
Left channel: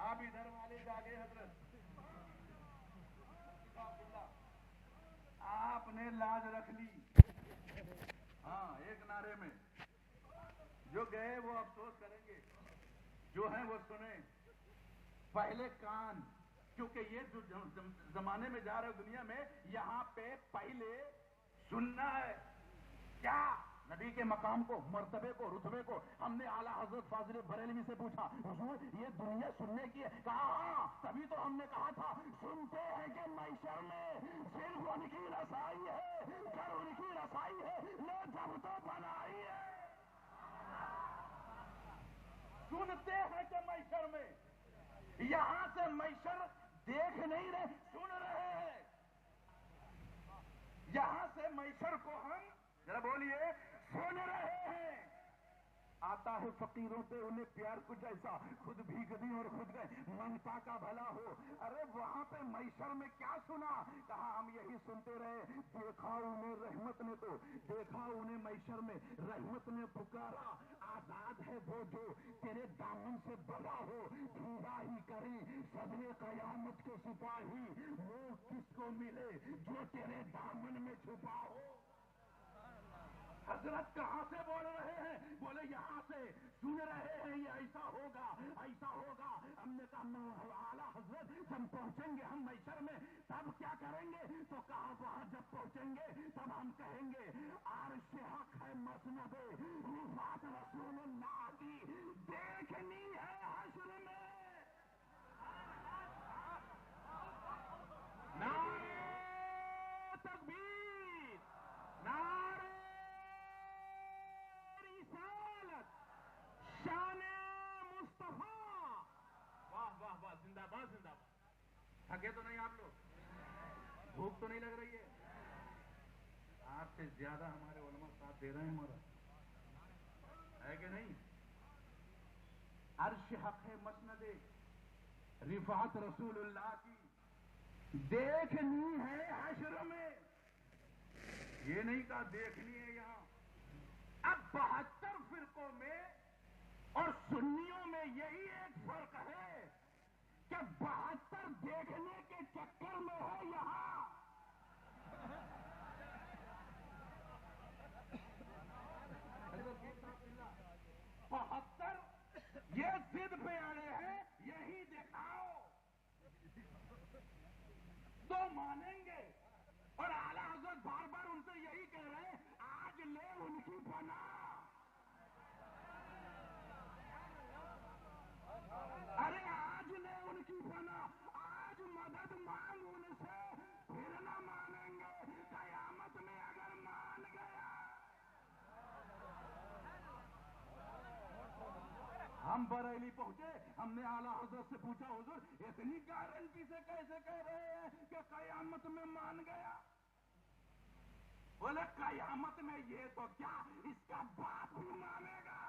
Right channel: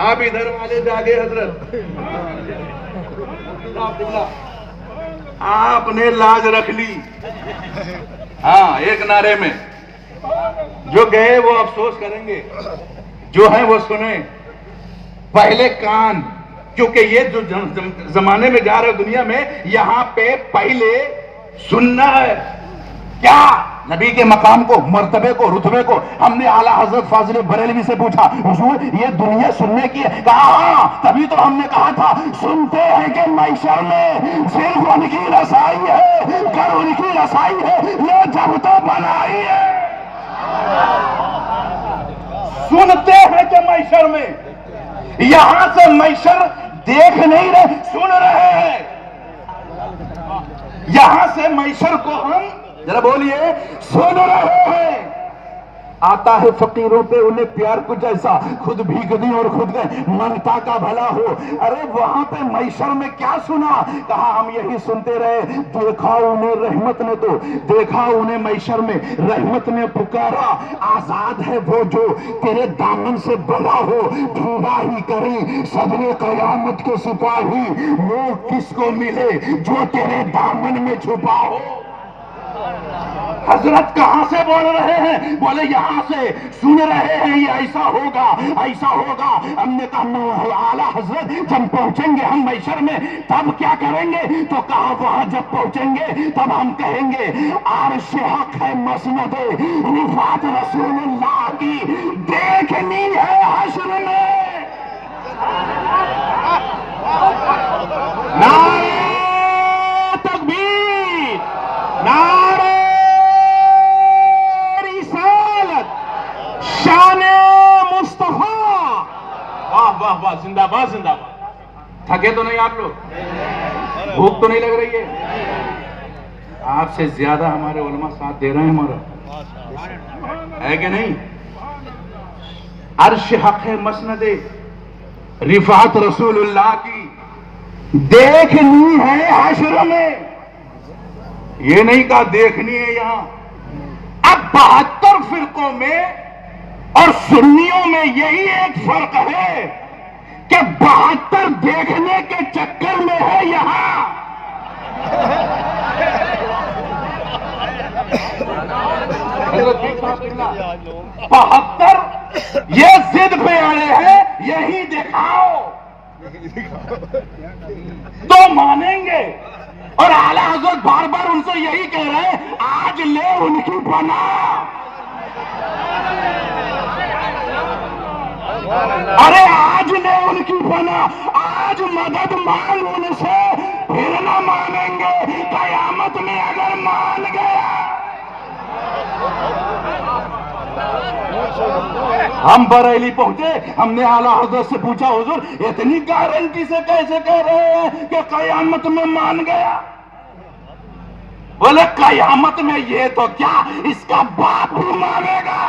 آپ ادھر والے جاگے حضرت، آپ نے لاج رکھ لی. ہاں ایک نعرے میں جو گئے وہ افسوس کریں گے، جو ہیں وہ سنیں. پہلے کان، کیونکہ یہ جو زمانے میں جا رہے دنیا میں، یہاں پہ پہلے سننا ہے. کیا؟ نبی کے مقام کو، مرتبے کو، رتبے کو. ہم نے اعلیٰ حضرت فاضل بریلوی سے پوچھا حضور یہ دنیا سننے کی ہے؟ کہا ہاں. تبھی تو ہم نے کہا تھا سنتے ہیں کہ محشر میں صرف ان کی رسائی ہے، کر ان کی رسائی ہے، یہ جب تو بنائی ہے. سنتے ہیں کہ محشر میں، یہاں سے محشر دیکھ نہیں رہے، سن رہے ہیں. یہاں سے محشر کو ہم ذرا بولیے سن رہے ہیں. آتا ہے فقیروں پہ انہیں پیار کچھ ایسا، خود بھیگ دی اور خود گئے منگتا کا بھلا ہو. ارے وہاں پہ محشر میں کیا سنا؟ کہا ہم یہی سنتے رہے. دیکھا انہیں رحمت نے، تو دیکھا انہیں محشر میں رحمت نے پکارا. آزاد ہے وہ جو تیرے دامن سے بنا ہو، ڈھونڈا ہی کریں صدر قیامت کے سپاہی. وہ کس کو ملے جو تیرے دامن میں چھپا ہو. حضرت کہاں سے بول رہے ہیں؟ بولے یہاں سے. سن رہے ہیں یہ ایسا ہوگا ایسا ہوگا. ہم نے کہا اعلیٰ حضرت جب پہنچیں گے ہم محشر میں تب کیا کریں گے؟ تو کہا وہاں جب پہنچیں گے تب ہم کہیں گے عرش حق ہے مسند رفعت رسول اللہ کی دیکھنی ہے حشر میں. نعرہ تکبیر، نعرہ شان مصطفیٰ. واہ واہ واہ، زندہ باد زندہ باد. تھکے تو نہیں آپ لوگ؟ بھوک تو نہیں لگ رہی ہے؟ آپ سے زیادہ ہمارے علماء ساتھ دے رہے ہیں ہمارا، ہے کہ نہیں؟ عرش حق ہے مسند رفعت رسول اللہ کی دیکھنی ہے حشر میں. یہ نہیں کہا دیکھنی ہے یہاں. اب 72 فرقوں میں اور سنیوں میں یہی ایک فرق ہے کہ 72 دیکھنے کے چکر میں ہے یہاں. 72 یہ ضد پہ اڑے ہیں یہی دکھاؤ تو مانیں گے. اور اعلیٰ حضرت بار بار ان سے یہی کہہ رہے ہیں آج لے ان کی پناہ. ارے آج لے ان کی پناہ، آج مدد مانگ ان سے، پھر نہ مانیں گے قیامت میں اگر مان گیا. ہم بریلی پہنچے، ہم نے اعلیٰ حضرت سے پوچھا حضور اتنی گارنٹی سے کیسے کہہ رہے ہیں کہ قیامت میں مان گیا؟ بولے قیامت میں یہ تو کیا اس کا باپ بھی مانے گا.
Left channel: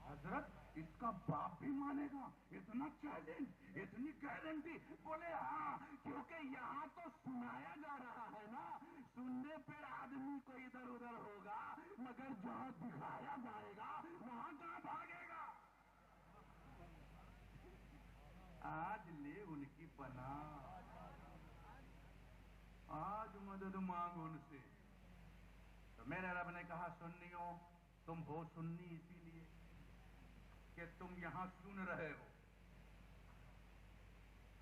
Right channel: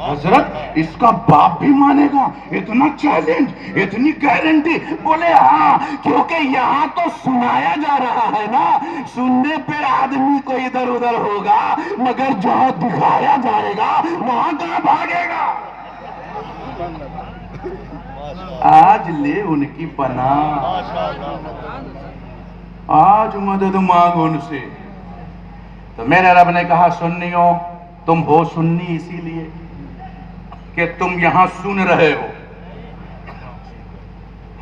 حضرت اس کا باپ بھی مانے گا؟ اتنا چیلنج، اتنی گارنٹی؟ بولے ہاں، کیونکہ یہاں تو سنایا جا رہا ہے نا. سننے پہ آدمی کو ادھر ادھر ہوگا، مگر جہاں دکھایا جائے گا وہاں کہاں بھاگے گا. آج لے ان کی پناہ، آج مدد مانگ ان سے. تو میرے رب نے کہا سنیوں تم ہو سنی اسی لیے کہ تم یہاں سن رہے ہو.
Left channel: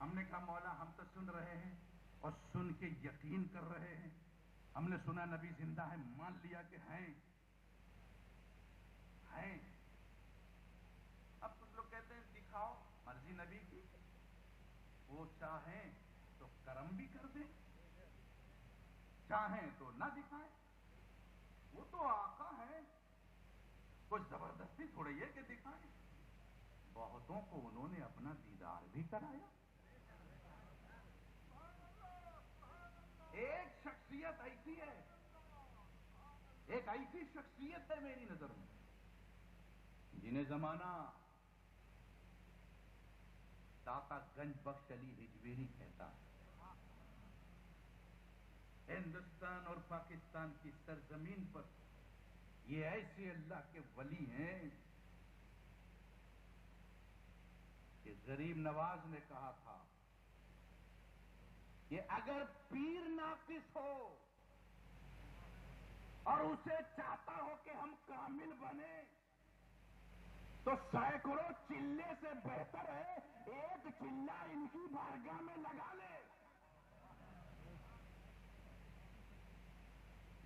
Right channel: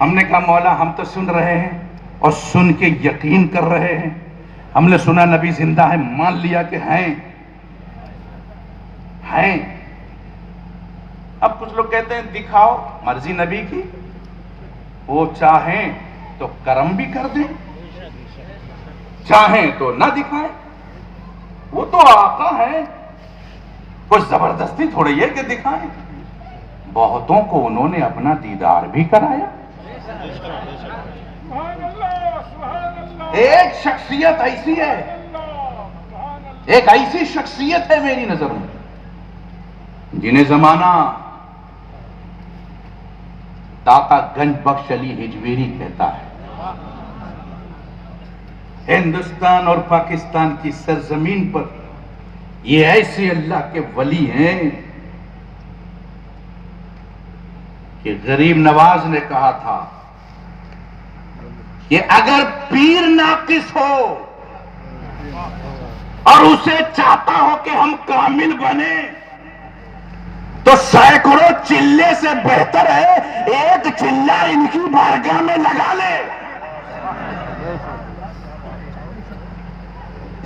ہم نے کہا مولا ہم تو سن رہے ہیں اور سن کے یقین کر رہے ہیں. ہم نے سنا نبی زندہ ہے، مان لیا کہ ہیں. اب کچھ لوگ کہتے ہیں دکھاؤ، مرضی نبی کی، وہ چاہیں تو کرم بھی کر دیں، چاہیں تو نہ دکھائیں، وہ تو آقا ہے، کچھ زبردستی تھوڑی ہے کہ دکھائیں۔ بہتوں کو انہوں نے اپنا دیدار بھی کرایا۔ ایک شخصیت ایسی ہے، ایک ایسی شخصیت ہے میری نظر میں، جنہیں زمانہ داتا گنج بخش علی ہجویری کہتا ہے۔ ہندوستان اور پاکستان کی سرزمین پر یہ ایسے اللہ کے ولی ہیں کہ غریب نواز نے کہا تھا کہ اگر پیر ناقص ہو اور اسے چاہتا ہو کہ ہم کامل بنے تو سینکڑوں چلے سے بہتر ہے ایک چلہ ان کی بارگاہ میں لگا لے۔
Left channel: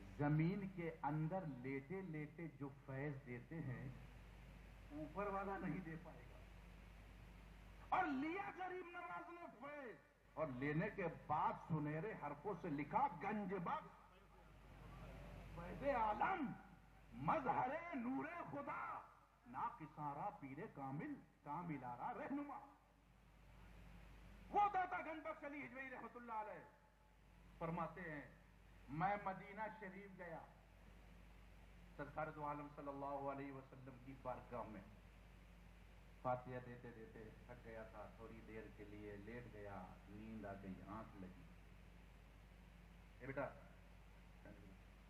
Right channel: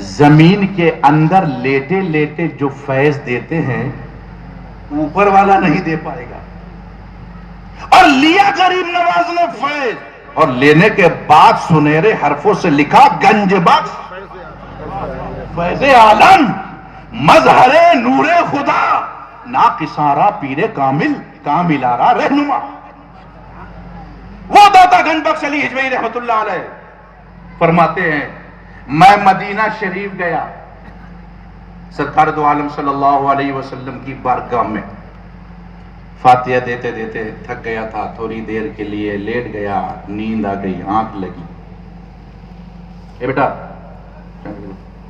زمین کے اندر لیٹے لیٹے جو فیض دیتے ہیں اوپر والا نہیں دے پائے گا، اور لیا غریب نواز نے فیض، اور لینے کے بعد سنہرے حرفوں سے لکھا گنج بخش فیض عالم مظہر نور خدا ناقصارا پیر کامل کاملارا رہنما۔ وہ داتا گنج بخش علی ہجویری رحمت اللہ علیہ فرماتے ہیں، میں مدینہ شریف گیا، سرکار دو عالم صلی اللہ علیہ وسلم کی بارگاہ میں فاتحہ دیتے دیتے تھک گیا تھا، تھوڑی دیر کے لیے لیٹ گیا، نیند آ گئی، آنکھ لگی۔ اے بیٹا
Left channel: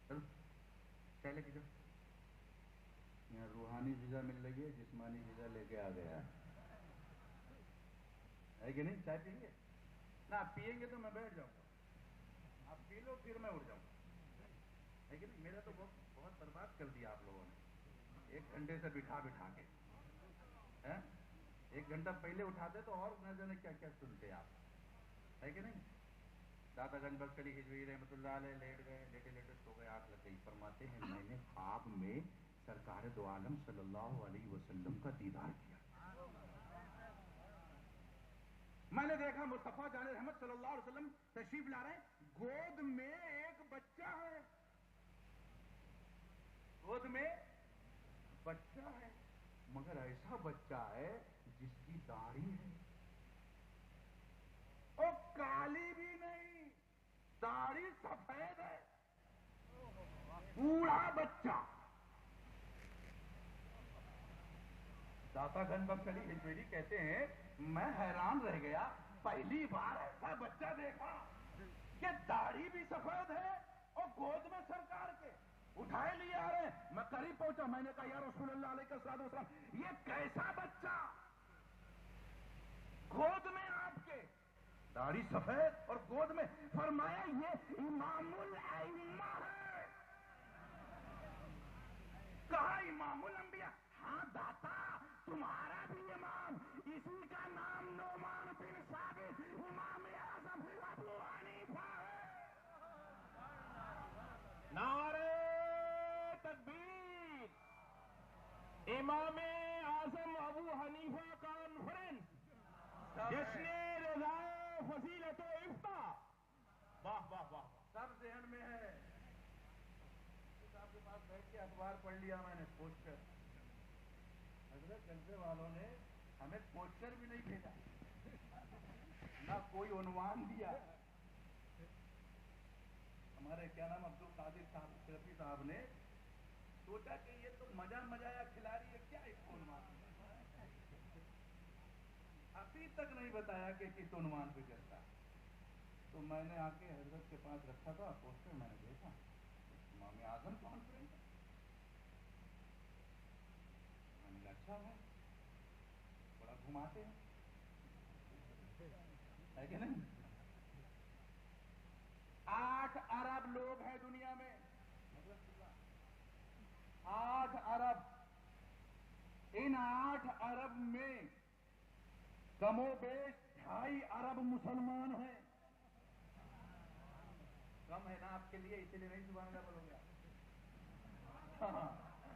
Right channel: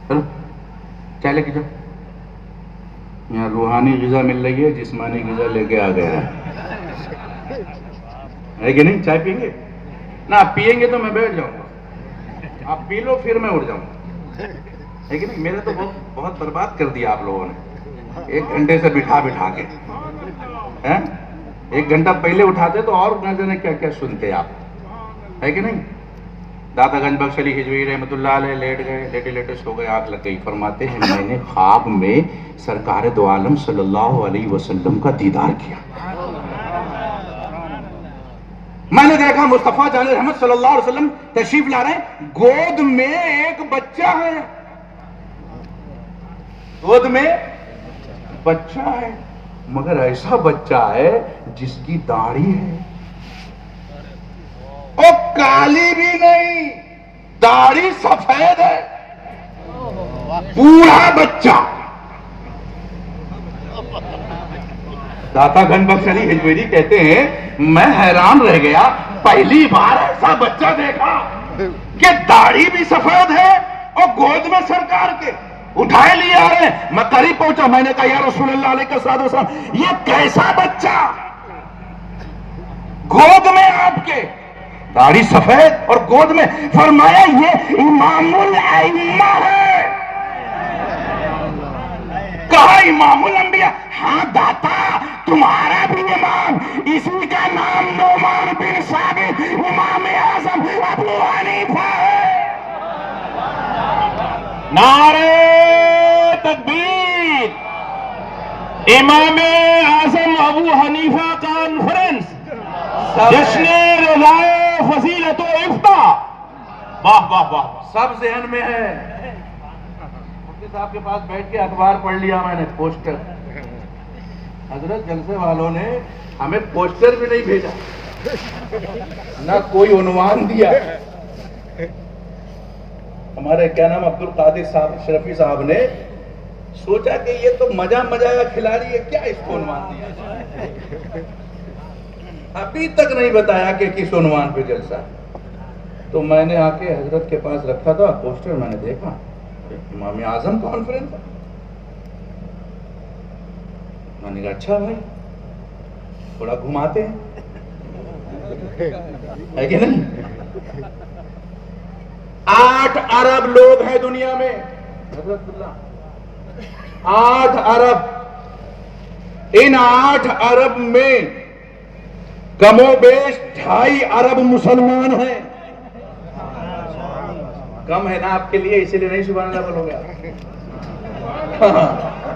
چلو چائے لے کے جاؤ، یہاں روحانی غذا مل رہی ہے، جسمانی غذا لے کے آ گیا ہے کہ نہیں؟ چائے پئیں گے نہ؟ آپ پیئیں گے تو میں بیٹھ جاؤں گا، آپ پی لو پھر میں اٹھ جاؤں گا، ہے کہ نہیں؟ میرے تو بہت برباد کر دیا آپ لوگوں نے، 1 گھنٹے سے بٹھا کے، ہیں 1 گھنٹہ پہلے اٹھاتے تو اور نہ جانے کیا کیا سنتے آپ، ہے کہ نہیں؟ داتا گنج بخش علی ہجویری رحمت اللہ علیہ لیٹ گئے، لیٹے لیٹے سو گئے، آنکھ لگ گئی۔ فرماتے ہیں میں نے خواب میں سرکار دو عالم صلی اللہ علیہ وسلم کا دیدار کیا، میں نے دیکھا مصطفیٰ جان رحمت صلی اللہ علیہ وسلم تشریف لا رہے ہیں، گود میں ایک بچہ ہے، گود میں بچہ ہے، مگر ایسا بچہ ہے جس کی داڑھی ہے، وہ کالی بھی نہیں، داڑھی سفید ہے، بوڑھا بچہ۔ داتا گنج بخش علی ہجویری کہتے ہیں میں حیران رہ گیا، پہلی بار ایسا بچہ دیکھا کہ داڑھی بھی سفید ہے اور گود میں سرکار کے اٹھائے لیے آ رہے ہیں۔ میں قریب پہنچا، میں نے کہا یا رسول اللہ علیہ وسلم یہ کیسا بچہ، گود میں آپ کے داڑھی سفید اور گود میں؟ فرمایا یہ امام الائمہ ہے۔ کہا امام الانبیاء؟ ہاں داتا تمہارا بھی امام، اسی کا نام نعمان بن ثابت امام اعظم ابو حنیفہ ہے۔ نعرہ تکبیر! امام اعظم ابو حنیفہ کانفرنس، جشن رضا فضیلت و افتاح، واہ واہ واہ، سب ذہن میں ہے۔ مفتی صاحب کے پاس بیٹھ کے اخبار پڑھ لیا میں نے، پوسٹر، حضرت جلسے والوں نے ہمیں پوسٹر بھی نہیں بھیجا، نہ کوئی عنوان دیا۔ ہمارے کیا نام عبد القادر صاحب اشرفی صاحب نے سوچا کہ یہ تو مزہ کا کھلاڑی ہے، کیا اس کو عنوان دیا؟ ابھی تک نہیں بتایا کہ کس عنوان پہ جلسہ ہے۔ تو میں نے آ کے حضرت کے پاس رکھا تھا پوسٹر، میں نے دیکھا امام اعظم کانفرنس، میں نے کہا اچھا بھائی تھوڑا گھماتے ہیں، ہے کہ نہیں؟ 8 ارب لوگ ہیں دنیا میں، حضرت اللہ 8 ارب، ان 8 ارب میں کم و بیش 2.5 ارب مسلمان ہیں۔ کم ہے نا آپ کے لیے، اسی لیے نہیں سبحان اللہ بولو گے،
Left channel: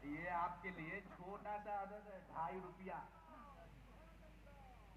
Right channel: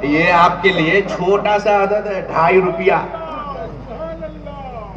یہ آپ کے لیے چھوٹا سا عدد ہے، 2.5 روپیہ،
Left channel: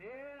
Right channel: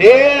1.5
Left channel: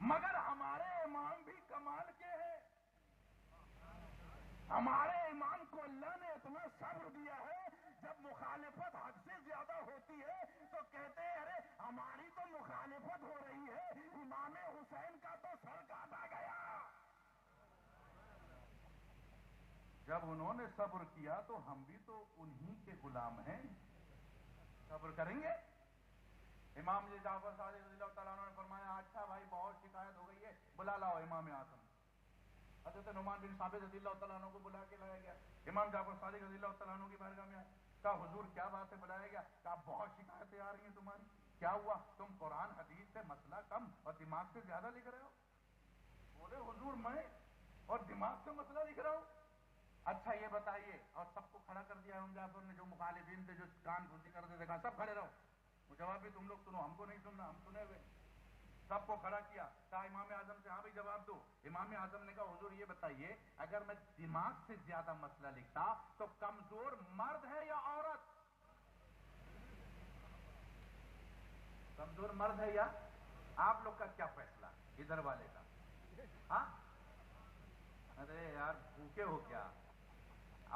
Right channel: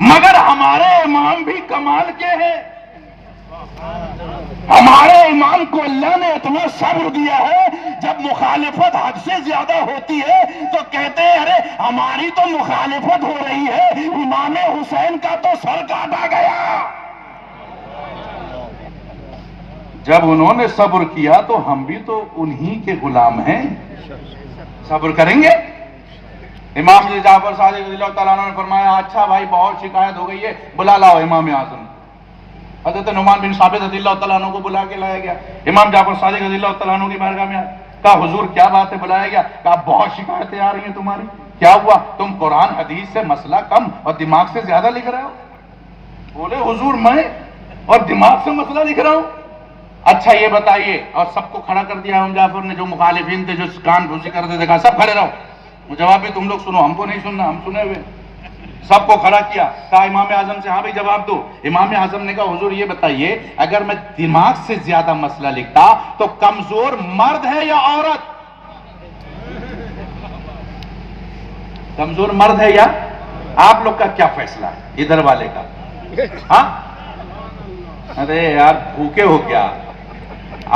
مگر ہمارے امام بھی کمال کے ہیں. ہمارے امام کو اللہ نے اتنا صبر دیا ہے، جب مخالفت حد سے زیادہ ہوتی ہے تو کہتے ہیں ارے ہماری تو مخالفت ہو رہی ہے، امام حسین کا تو سر کاٹا گیا. جب انہوں نے صبر کیا تو ہم بھی تو انہی کے غلام ہیں، صبر کریں گے. امام جعفر صادق رضی اللہ تعالیٰ عنہ نے فرمایا اچھا بھائی بہت شکایت ہو گئی ہے، بلا لاؤ امام اعظم. حضرت نعمان بن ثابت رضی اللہ تعالیٰ عنہ کو بلا کے لایا گیا. امام جعفر صادق رضی اللہ تعالیٰ عنہ کی بارگاہ میں آیا، کہا حضور کیا بات ہے؟ بلایا گیا، کہا بہت شکایتیں آ رہی ہیں تمہاری. کیا ہوا؟ تم قرآن حدیث سے مسئلہ کم اور دماغ سے زیادہ لکھ رہے ہو. بولے حضور میں اور دماغ سے مسئلہ لکھ رہا ہوں؟ اچھا یہ بتائیے. اور سب کو کھڑا کر دیا امام جعفر نے، جو مخالفین تھے، جو کان بھوسی کرتے تھے، کہا سب کھڑے رہو، جواب بھی تم لوگ سنو، ہم کو نہیں سننا، ہم سنے ہوئے. سب کو کھڑا کیا، کہا امام اعظم سے ہاں بھی جواب دو. امام اعظم نے کہا حضور یہ بتائیے اگر میں دماغ سے زیادہ مسئلہ لکھتا تو کمزور مرد ہے یا عورت؟ کمزور مرد ہے یا؟ آپ لوگ کا کیا فیصلہ ہے ادھر والے کا؟ ہاں ارے یار بھوکے ہو کیا؟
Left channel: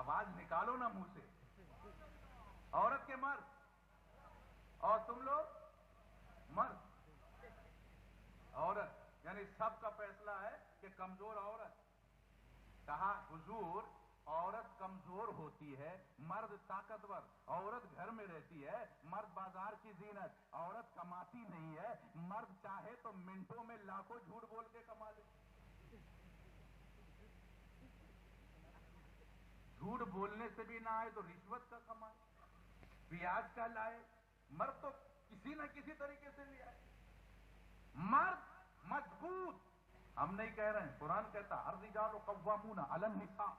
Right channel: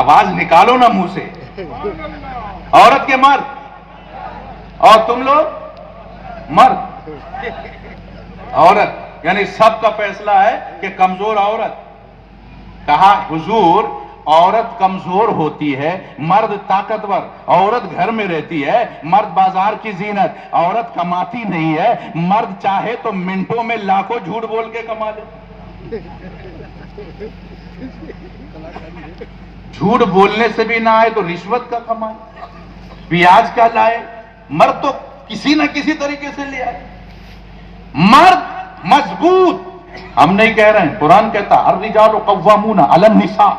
آواز نکالو نا منہ سے. عورت کے مرد اور تم لوگ مرد، عورت، یعنی سب کا فیصلہ ہے کہ کمزور عورت. کہا حضور عورت کمزور ہوتی ہے، مرد طاقتور. عورت گھر میں رہتی ہے، مرد بازار کی زینت. عورت کماتی نہیں ہے، مرد چاہے تو منٹوں میں لاکھوں جھوٹ بول کے کما لے. جھوٹ بولنے سے بھی نہ آئے تو رشوت کا کمائے، پیاز کا لائے. مرد تو کسی نہ کسی طریقے سے لے آئے. مرد مضبوط، ہم نہیں کہہ رہے ہیں، قرآن کہتا الرجال قوامون علی النساء،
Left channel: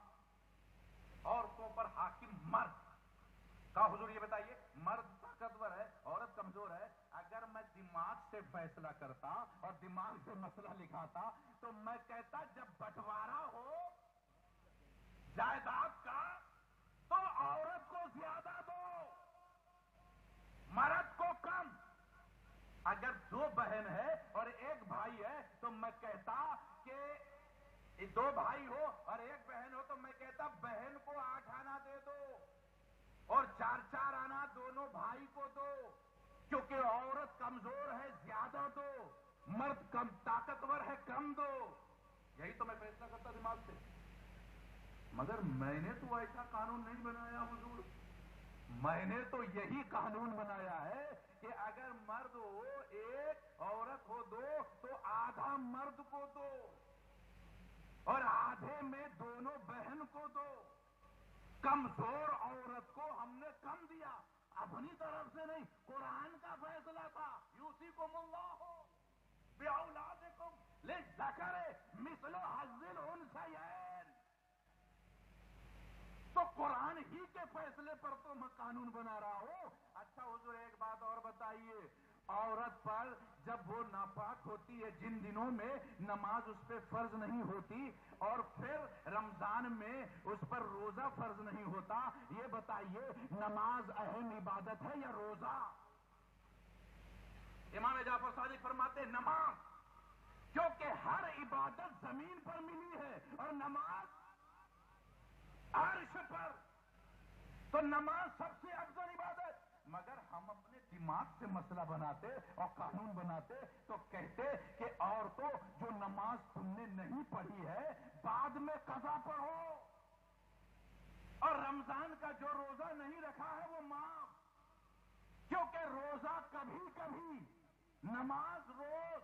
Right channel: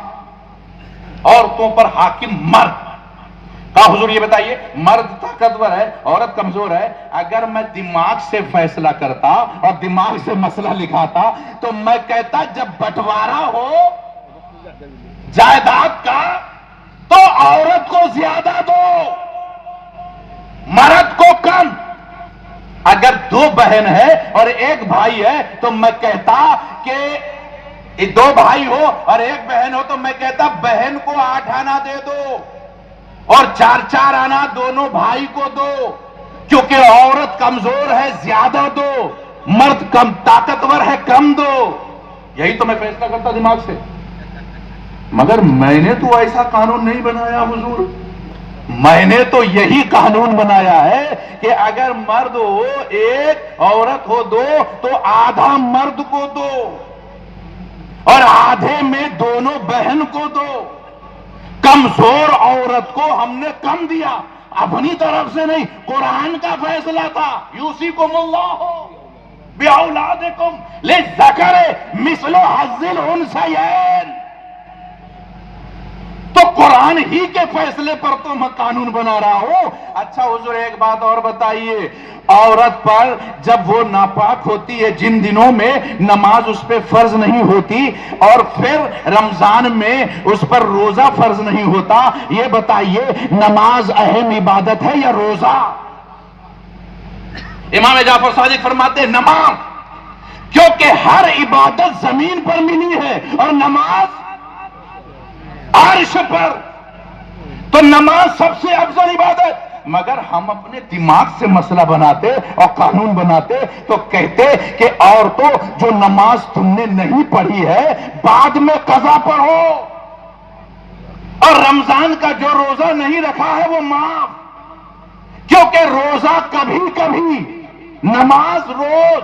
عورتوں پر حاکم مرد. کہا حضور یہ بتائیے مرد طاقتور ہے، عورت کمزور ہے. اگر میں دماغ سے فیصلہ کرتا اور دماغ سے مسئلہ لکھاتا تو میں کہتا جب بٹوارا ہو جائیداد کا تو عورت کو زیادہ دو، مرد کو کم. اگر دو بہن ہے اور ایک بھائی ہے تو میں کہتا کہ دو بھائی ہو اور ایک بہن ہو تو میں کہتا بہن کو 8 آنا دے دو اور 4 آنا دونوں بھائی کو دو. کیونکہ عورت کمزور ہے زیادہ دو، مرد کم طاقتور ہے کم دو. یہی تو میں فیصلہ کرتا دماغ سے. مگر میں نے تو ایسا قانون نہیں بنایا حضور. میں نے تو یہی قانون بنایا ہے کہ اگر مرد ہو 1 عورت ہو 2 تو آدھا مرد کو دو اور آدھے میں دونوں بہن کو دو. کمزور عورت کو ہم نے کم دیا، اپنی طرف سے نہیں، قرآن کا فیصلہ تھا. یوصیکم اللہ باولادکم للذکر مثل حظ الانثیین. تو قرآن ہی کے فیصلے پر تو میں قانون بنا رہا ہوں. اچھا حضور ایک بات اور بتائیے، عورت پر جب وہ ناپاک ہوتی ہے جن دنوں میں نماز اس پہ فرض نہیں ہوتی اور پھر رمضان میں اس پر روزہ فرض نہیں ہوتا، یہ بتائیے نماز اہم عبادت ہے یا روزہ؟ امام جعفر صادق فرماتے ہیں نماز، کیونکہ ہر عبادت زمین پر ملی ہے اور نماز عرش پر، تو نماز سب سے افضل عبادت. مگر ہم اپنے دماغ سے مسئلہ بناتے اور قانون بناتے تو کہتے کہ عورتوں جو نماز تم نے نہیں پڑھی ہے بعد میں قضا پڑھو، اور رمضان کا جو روزہ نہیں رکھا ہے وہ معاف. کیونکہ روزہ کبھی کبھی، نماز روز.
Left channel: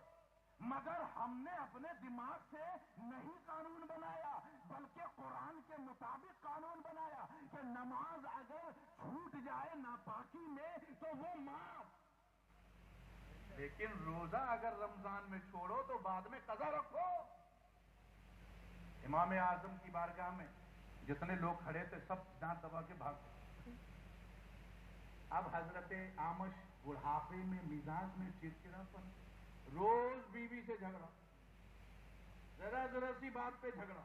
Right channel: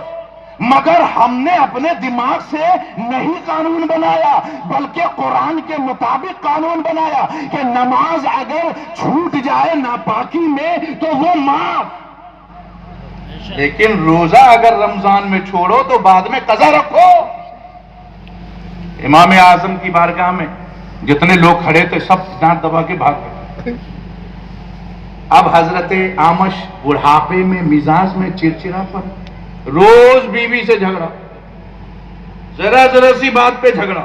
مگر ہم نے اپنے دماغ سے نہیں قانون بنایا بلکہ قرآن کے مطابق قانون بنایا کہ نماز اگر چھوٹ جائے ناپاکی میں تو وہ معاف، لیکن روزہ اگر رمضان میں چھوڑو تو بعد میں قضا رکھو. امام اعظم کی بارگاہ میں جتنے لوگ کھڑے تھے سب دانت دبا کے بھاگ گئے. اب حضرت اعمش بڑھاپے میں، مزاج میں چڑچڑا پن، روز بیوی سے جھگڑا، ذرا سی بات پہ جھگڑا.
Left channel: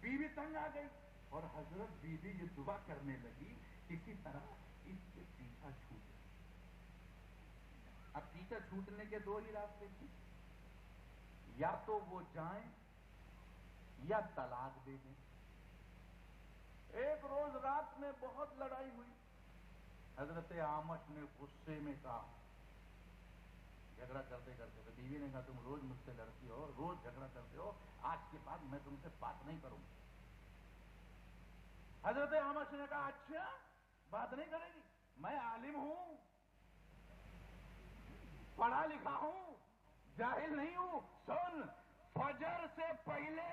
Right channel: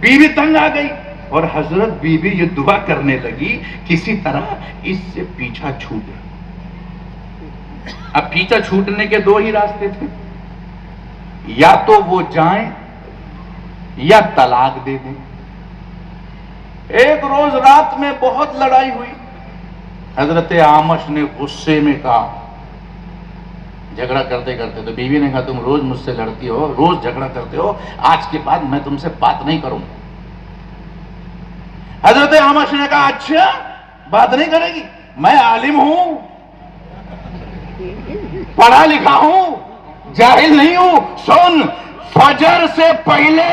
بیوی تنگ آ گئی اور حضرت بیوی یہ دعا کرنے لگی کسی طرح اس سے پیچھا چھوٹے. اب پیچھا چھوٹنے کے 2 ہی راستے تھے. یا تو وہ جائیں یا طلاق دے دیں. ایک روز رات میں بہت لڑائی ہوئی. حضرت اعمش نے غصے میں کہا, جھگڑا کرتے کرتے, تو بیوی نے کہا تم روز مجھ سے لڑتی ہو, روز جھگڑا کرتے ہو, آج کے بعد میں تم سے بات نہیں کروں. حضرت اعمش نے کہا اچھا بات نہیں کرے گی, میں عالم ہوں, پڑھا لکھا ہوں, جاہل نہیں ہوں. سن, فجر سے پہلے,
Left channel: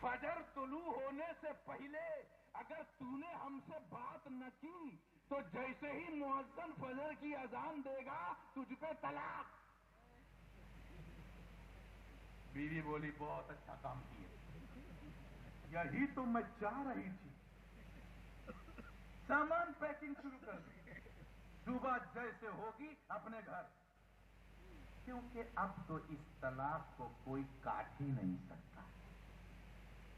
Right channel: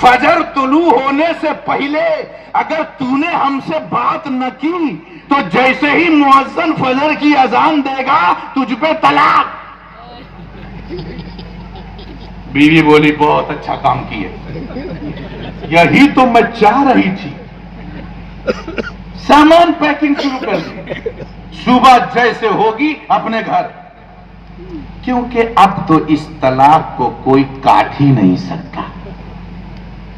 فجر طلوع ہونے سے پہلے اگر تو نے ہم سے بات نہ کی تو جیسے ہی مؤذن فجر کی اذان دے گا تجھ پہ طلاق. بیوی بولی بہت اچھا کام کیے, یہی تو میں چاہ رہی تھی. سامان پیکنگ شروع کر دی, صبح جیسے ہوگی اپنے گھر, کیونکہ اب تو اس طلاق کو کوئی کاٹ ہی نہیں سکتا.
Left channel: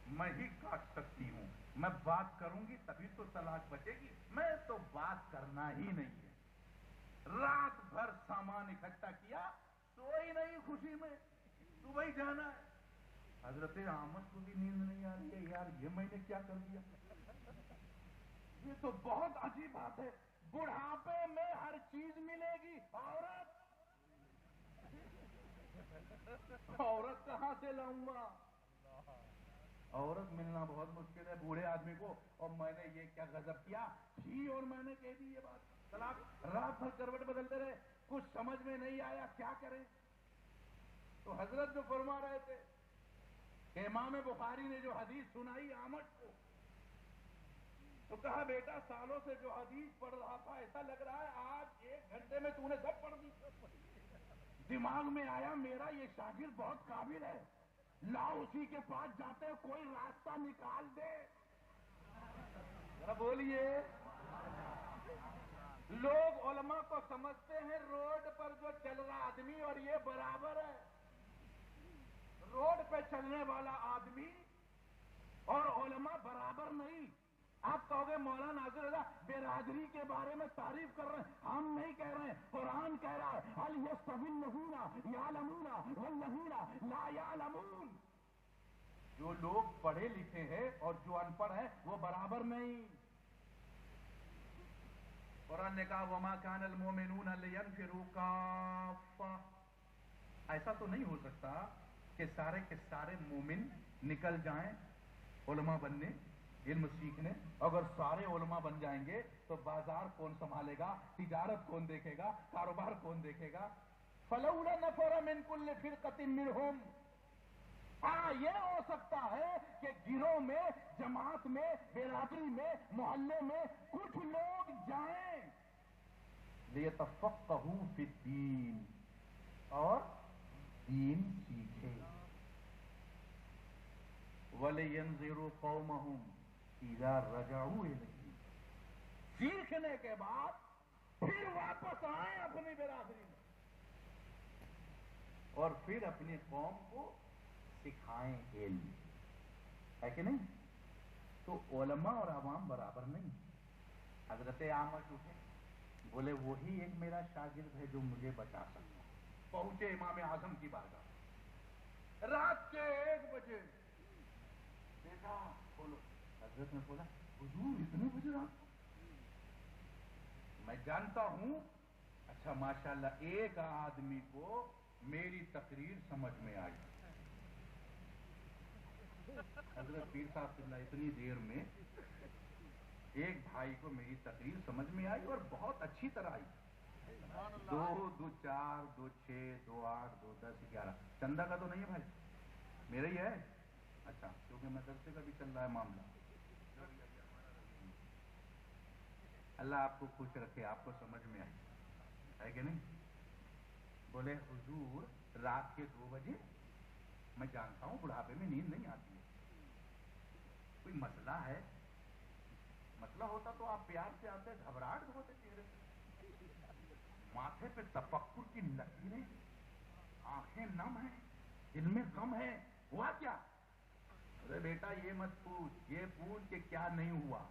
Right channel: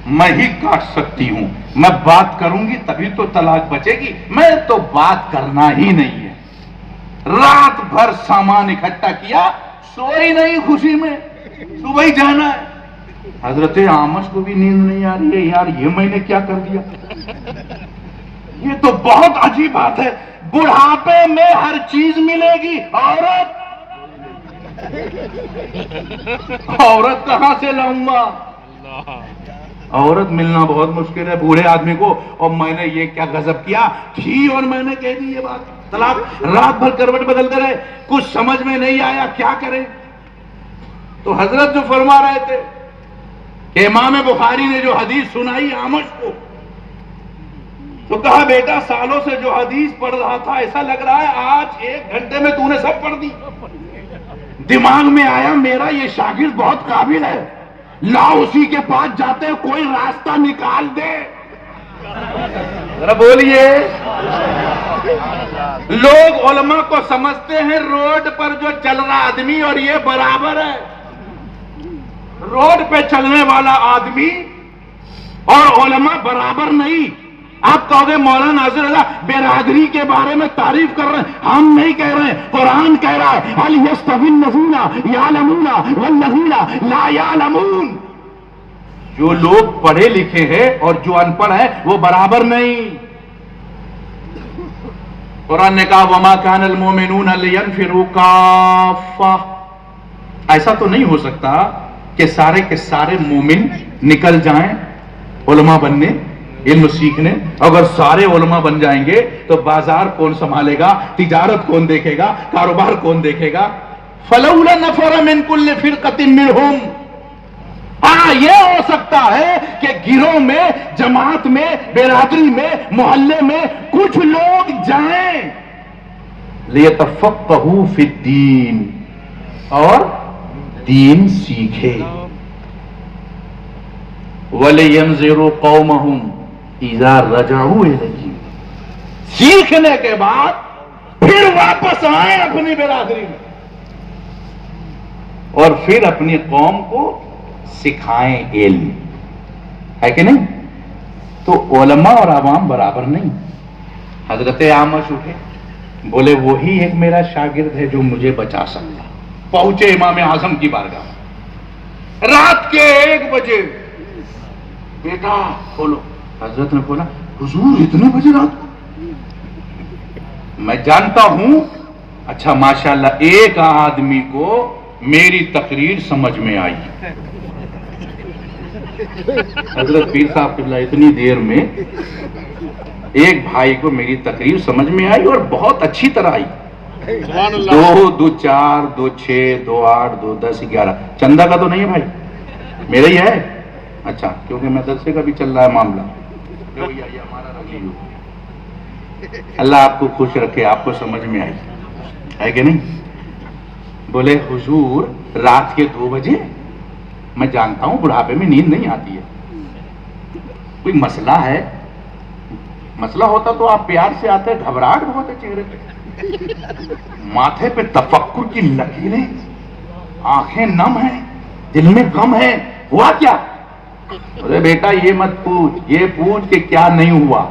میں ہی کاٹ سکتی ہوں, میں بات کروں گی تبھی تو طلاق بچے گی, میں تو بات کرنا ہی نہیں ہے. رات بھر سامان اکٹھا کیا, سوئی نہیں خوشی میں, صبح ہی جانا ہے. حضرت اعمش کو بھی نیند نہیں آ رہی ہے, یار یہ میں نے کیا کر دیا, یہ تو بہت عجیب بات ہے. بڑھاپے میں ہر چیز ملے گی, عورت کہاں سے لاؤں گا؟ عورت ملنا بہت مشکل ہے بوڑھے آدمی کو. اور میں نے یہ کیا غضب کیا تھی, اور میں نے کہہ دی یہ بات, طلاق. رات بھر کروٹ بدلتے رہے, کچھ سمجھ میں نہیں آیا کیا کریں. تو حضرت جو فرما رہے تھے کہ امام بخاری نے جو حدیث سنائی اعمش کو, تو کہا بیٹا سالوں سے جو حدیث پڑھ رہا تھا ایسا لگ رہا ہے آج 1 گھنٹے میں تو نے سب پڑھ دی. دماغ میں آیا میرا یہ شاگرد بہت قابل ہے, لاؤ اسی کے پاس جاتے ہیں, کوئی راستہ نکال دے. ذرا بولیے. لوگ علماء کو سمجھتے ہیں روڈ پر جو چل رہا آدمی اور یہ برابر ہے. روڈ پہ چلنے والا آدمی اور علماء برابر نہیں. آپ کہو گے مولانا ناصر اللہ برادری کے بارے میں تعریف کر رہے ہیں, ہم نہیں کہہ رہے ہیں, قرآن کہہ رہا ہے هل يستوي الذين يعلمون والذين لا يعلمون. جو لوگ پڑھے لکھے ہیں اور جو ان پڑھ ہیں وہ برابر نہیں. قرآن نے کہا وما كان المؤمنون لينفروا كافة. ایسا تو نہیں ہو سکتا کہ سارے کے سارے مومن نکل جائیں علماء بننے, علم سیکھنے. اگر سارے علماء بن جائیں گے تو بازار کون سنبھالے گا, تجارت کون دیکھے گا, کاروبار کون دیکھے گا. فلولا نفر من كل فرقة منهم. ہاں یہ ہو سکتا ہے کہ گروہ میں, جماعت میں, برادری میں, محلے میں کچھ لوگ جائیں لیتفقہوا فی الدین, اور دین سیکھے. وَلِيَنْذِرُوا قَوْمَهُمْ اِذَا رَجَعُوا إِلَيْهِمْ. سیکھنے کے بعد پھر واپس آئیں اپنی برادری میں اور پھر اپنی قوم کو سکھائیں علم. ہے کہ نہیں؟ تو علماء اور عوام برابر نہیں. حضرت اعمش اٹھے, بولے وہی ایک میرا شاگرد ہے جو مجھے بچا سکتا. پہنچے امام اعظم کی بارگاہ, رات کے 1 بجے, بیٹا کھولو. حضرت نے بولا حضور اتنے بجے رات کو؟ میں جانتا ہوں. اچھا ماشاءاللہ ایک آدمی کو میری تقریر سمجھ میں آئی. حضرت پیر صاحب قبلہ اتنی دیر میں ایک بھائی کو میری تقریر سمجھ میں آئی اور بہت اچھی طرح آئی. 2 2 4 2 6 2 8 2 10 11. چندہ کا تو نہیں ہے بھائی, میرا ہی ہے. اچھا کیونکہ مدرسے کا بھی چل رہا ہے معاملہ. اللہ آپ کو خوش رکھے, آپ کو سمجھ میں آئی ہے کہ نہیں. بولے حضور رات کے 2 بجے, میں جانتا ہوں بڑھاپے میں نیند نہیں آتی ہے, کوئی مسئلہ ہے. مسئلہ ہوتا تو آپ پیار سے آتے, گھبراہٹ بہت ہے چہرے پہ, ماتھے پہ تفکر کی لکیریں, آنکھیں نم ہیں, دل میں غم ہے. ہوا کیا؟ ارے بیٹا یہ مت پوچھ, یہ پوچھ کہ کیا نہیں ہوا.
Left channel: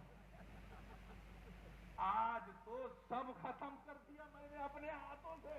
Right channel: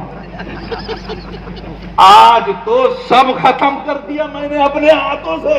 آج تو سب ختم کر دیا میں نے اپنے ہاتھوں سے.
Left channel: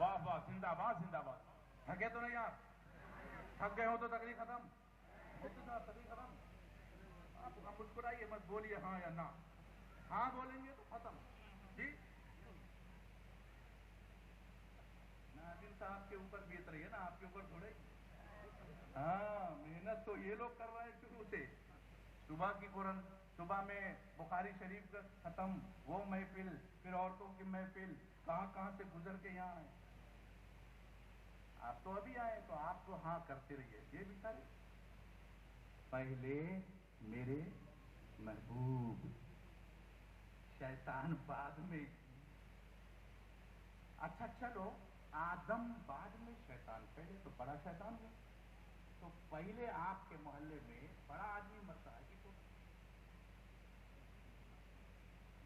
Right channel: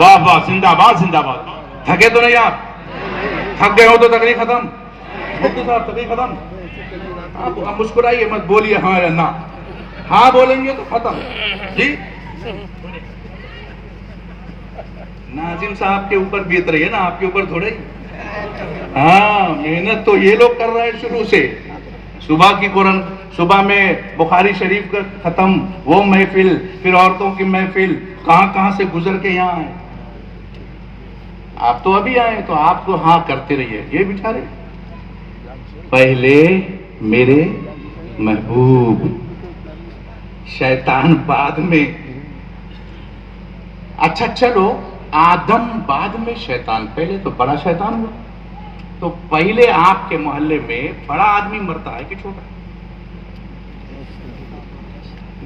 واہ واہ، زندہ باد زندہ باد. تھکے تو نہیں آپ؟ تھک گئے ہو تو تقریر ختم. مفتی صاحب تقریر ختم. آپ مسکرائیے مت، بولیے ہاں یا نہ. ہاں بولیں گے تو ختم. جی ناظم صاحب کے اوپر بیت رہی ہے نا، آپ کے اوپر تھوڑے. ہاں محنت تو یہ لوگ کر رہے ہیں شروع سے. صبح کی قرآن، صبح میں بخاری شریف کا ختم، وہ محفل، پھر عورتوں کی محفل، کہاں کہاں سے گزر کے یہاں آئے. آپ تو ابھی آئے تو آپ تو ہاں کرتے رہیے. یہ بیچارے پہلے میرے محبوب، شیطان بعد میں. اچھا چلو، آدم بعد میں شیطان، پہلے تو بڑا شیطان ہوا. تو پہلے آپ کے محلے میں بڑا آدمی مرتا ہے کہ چھوٹا؟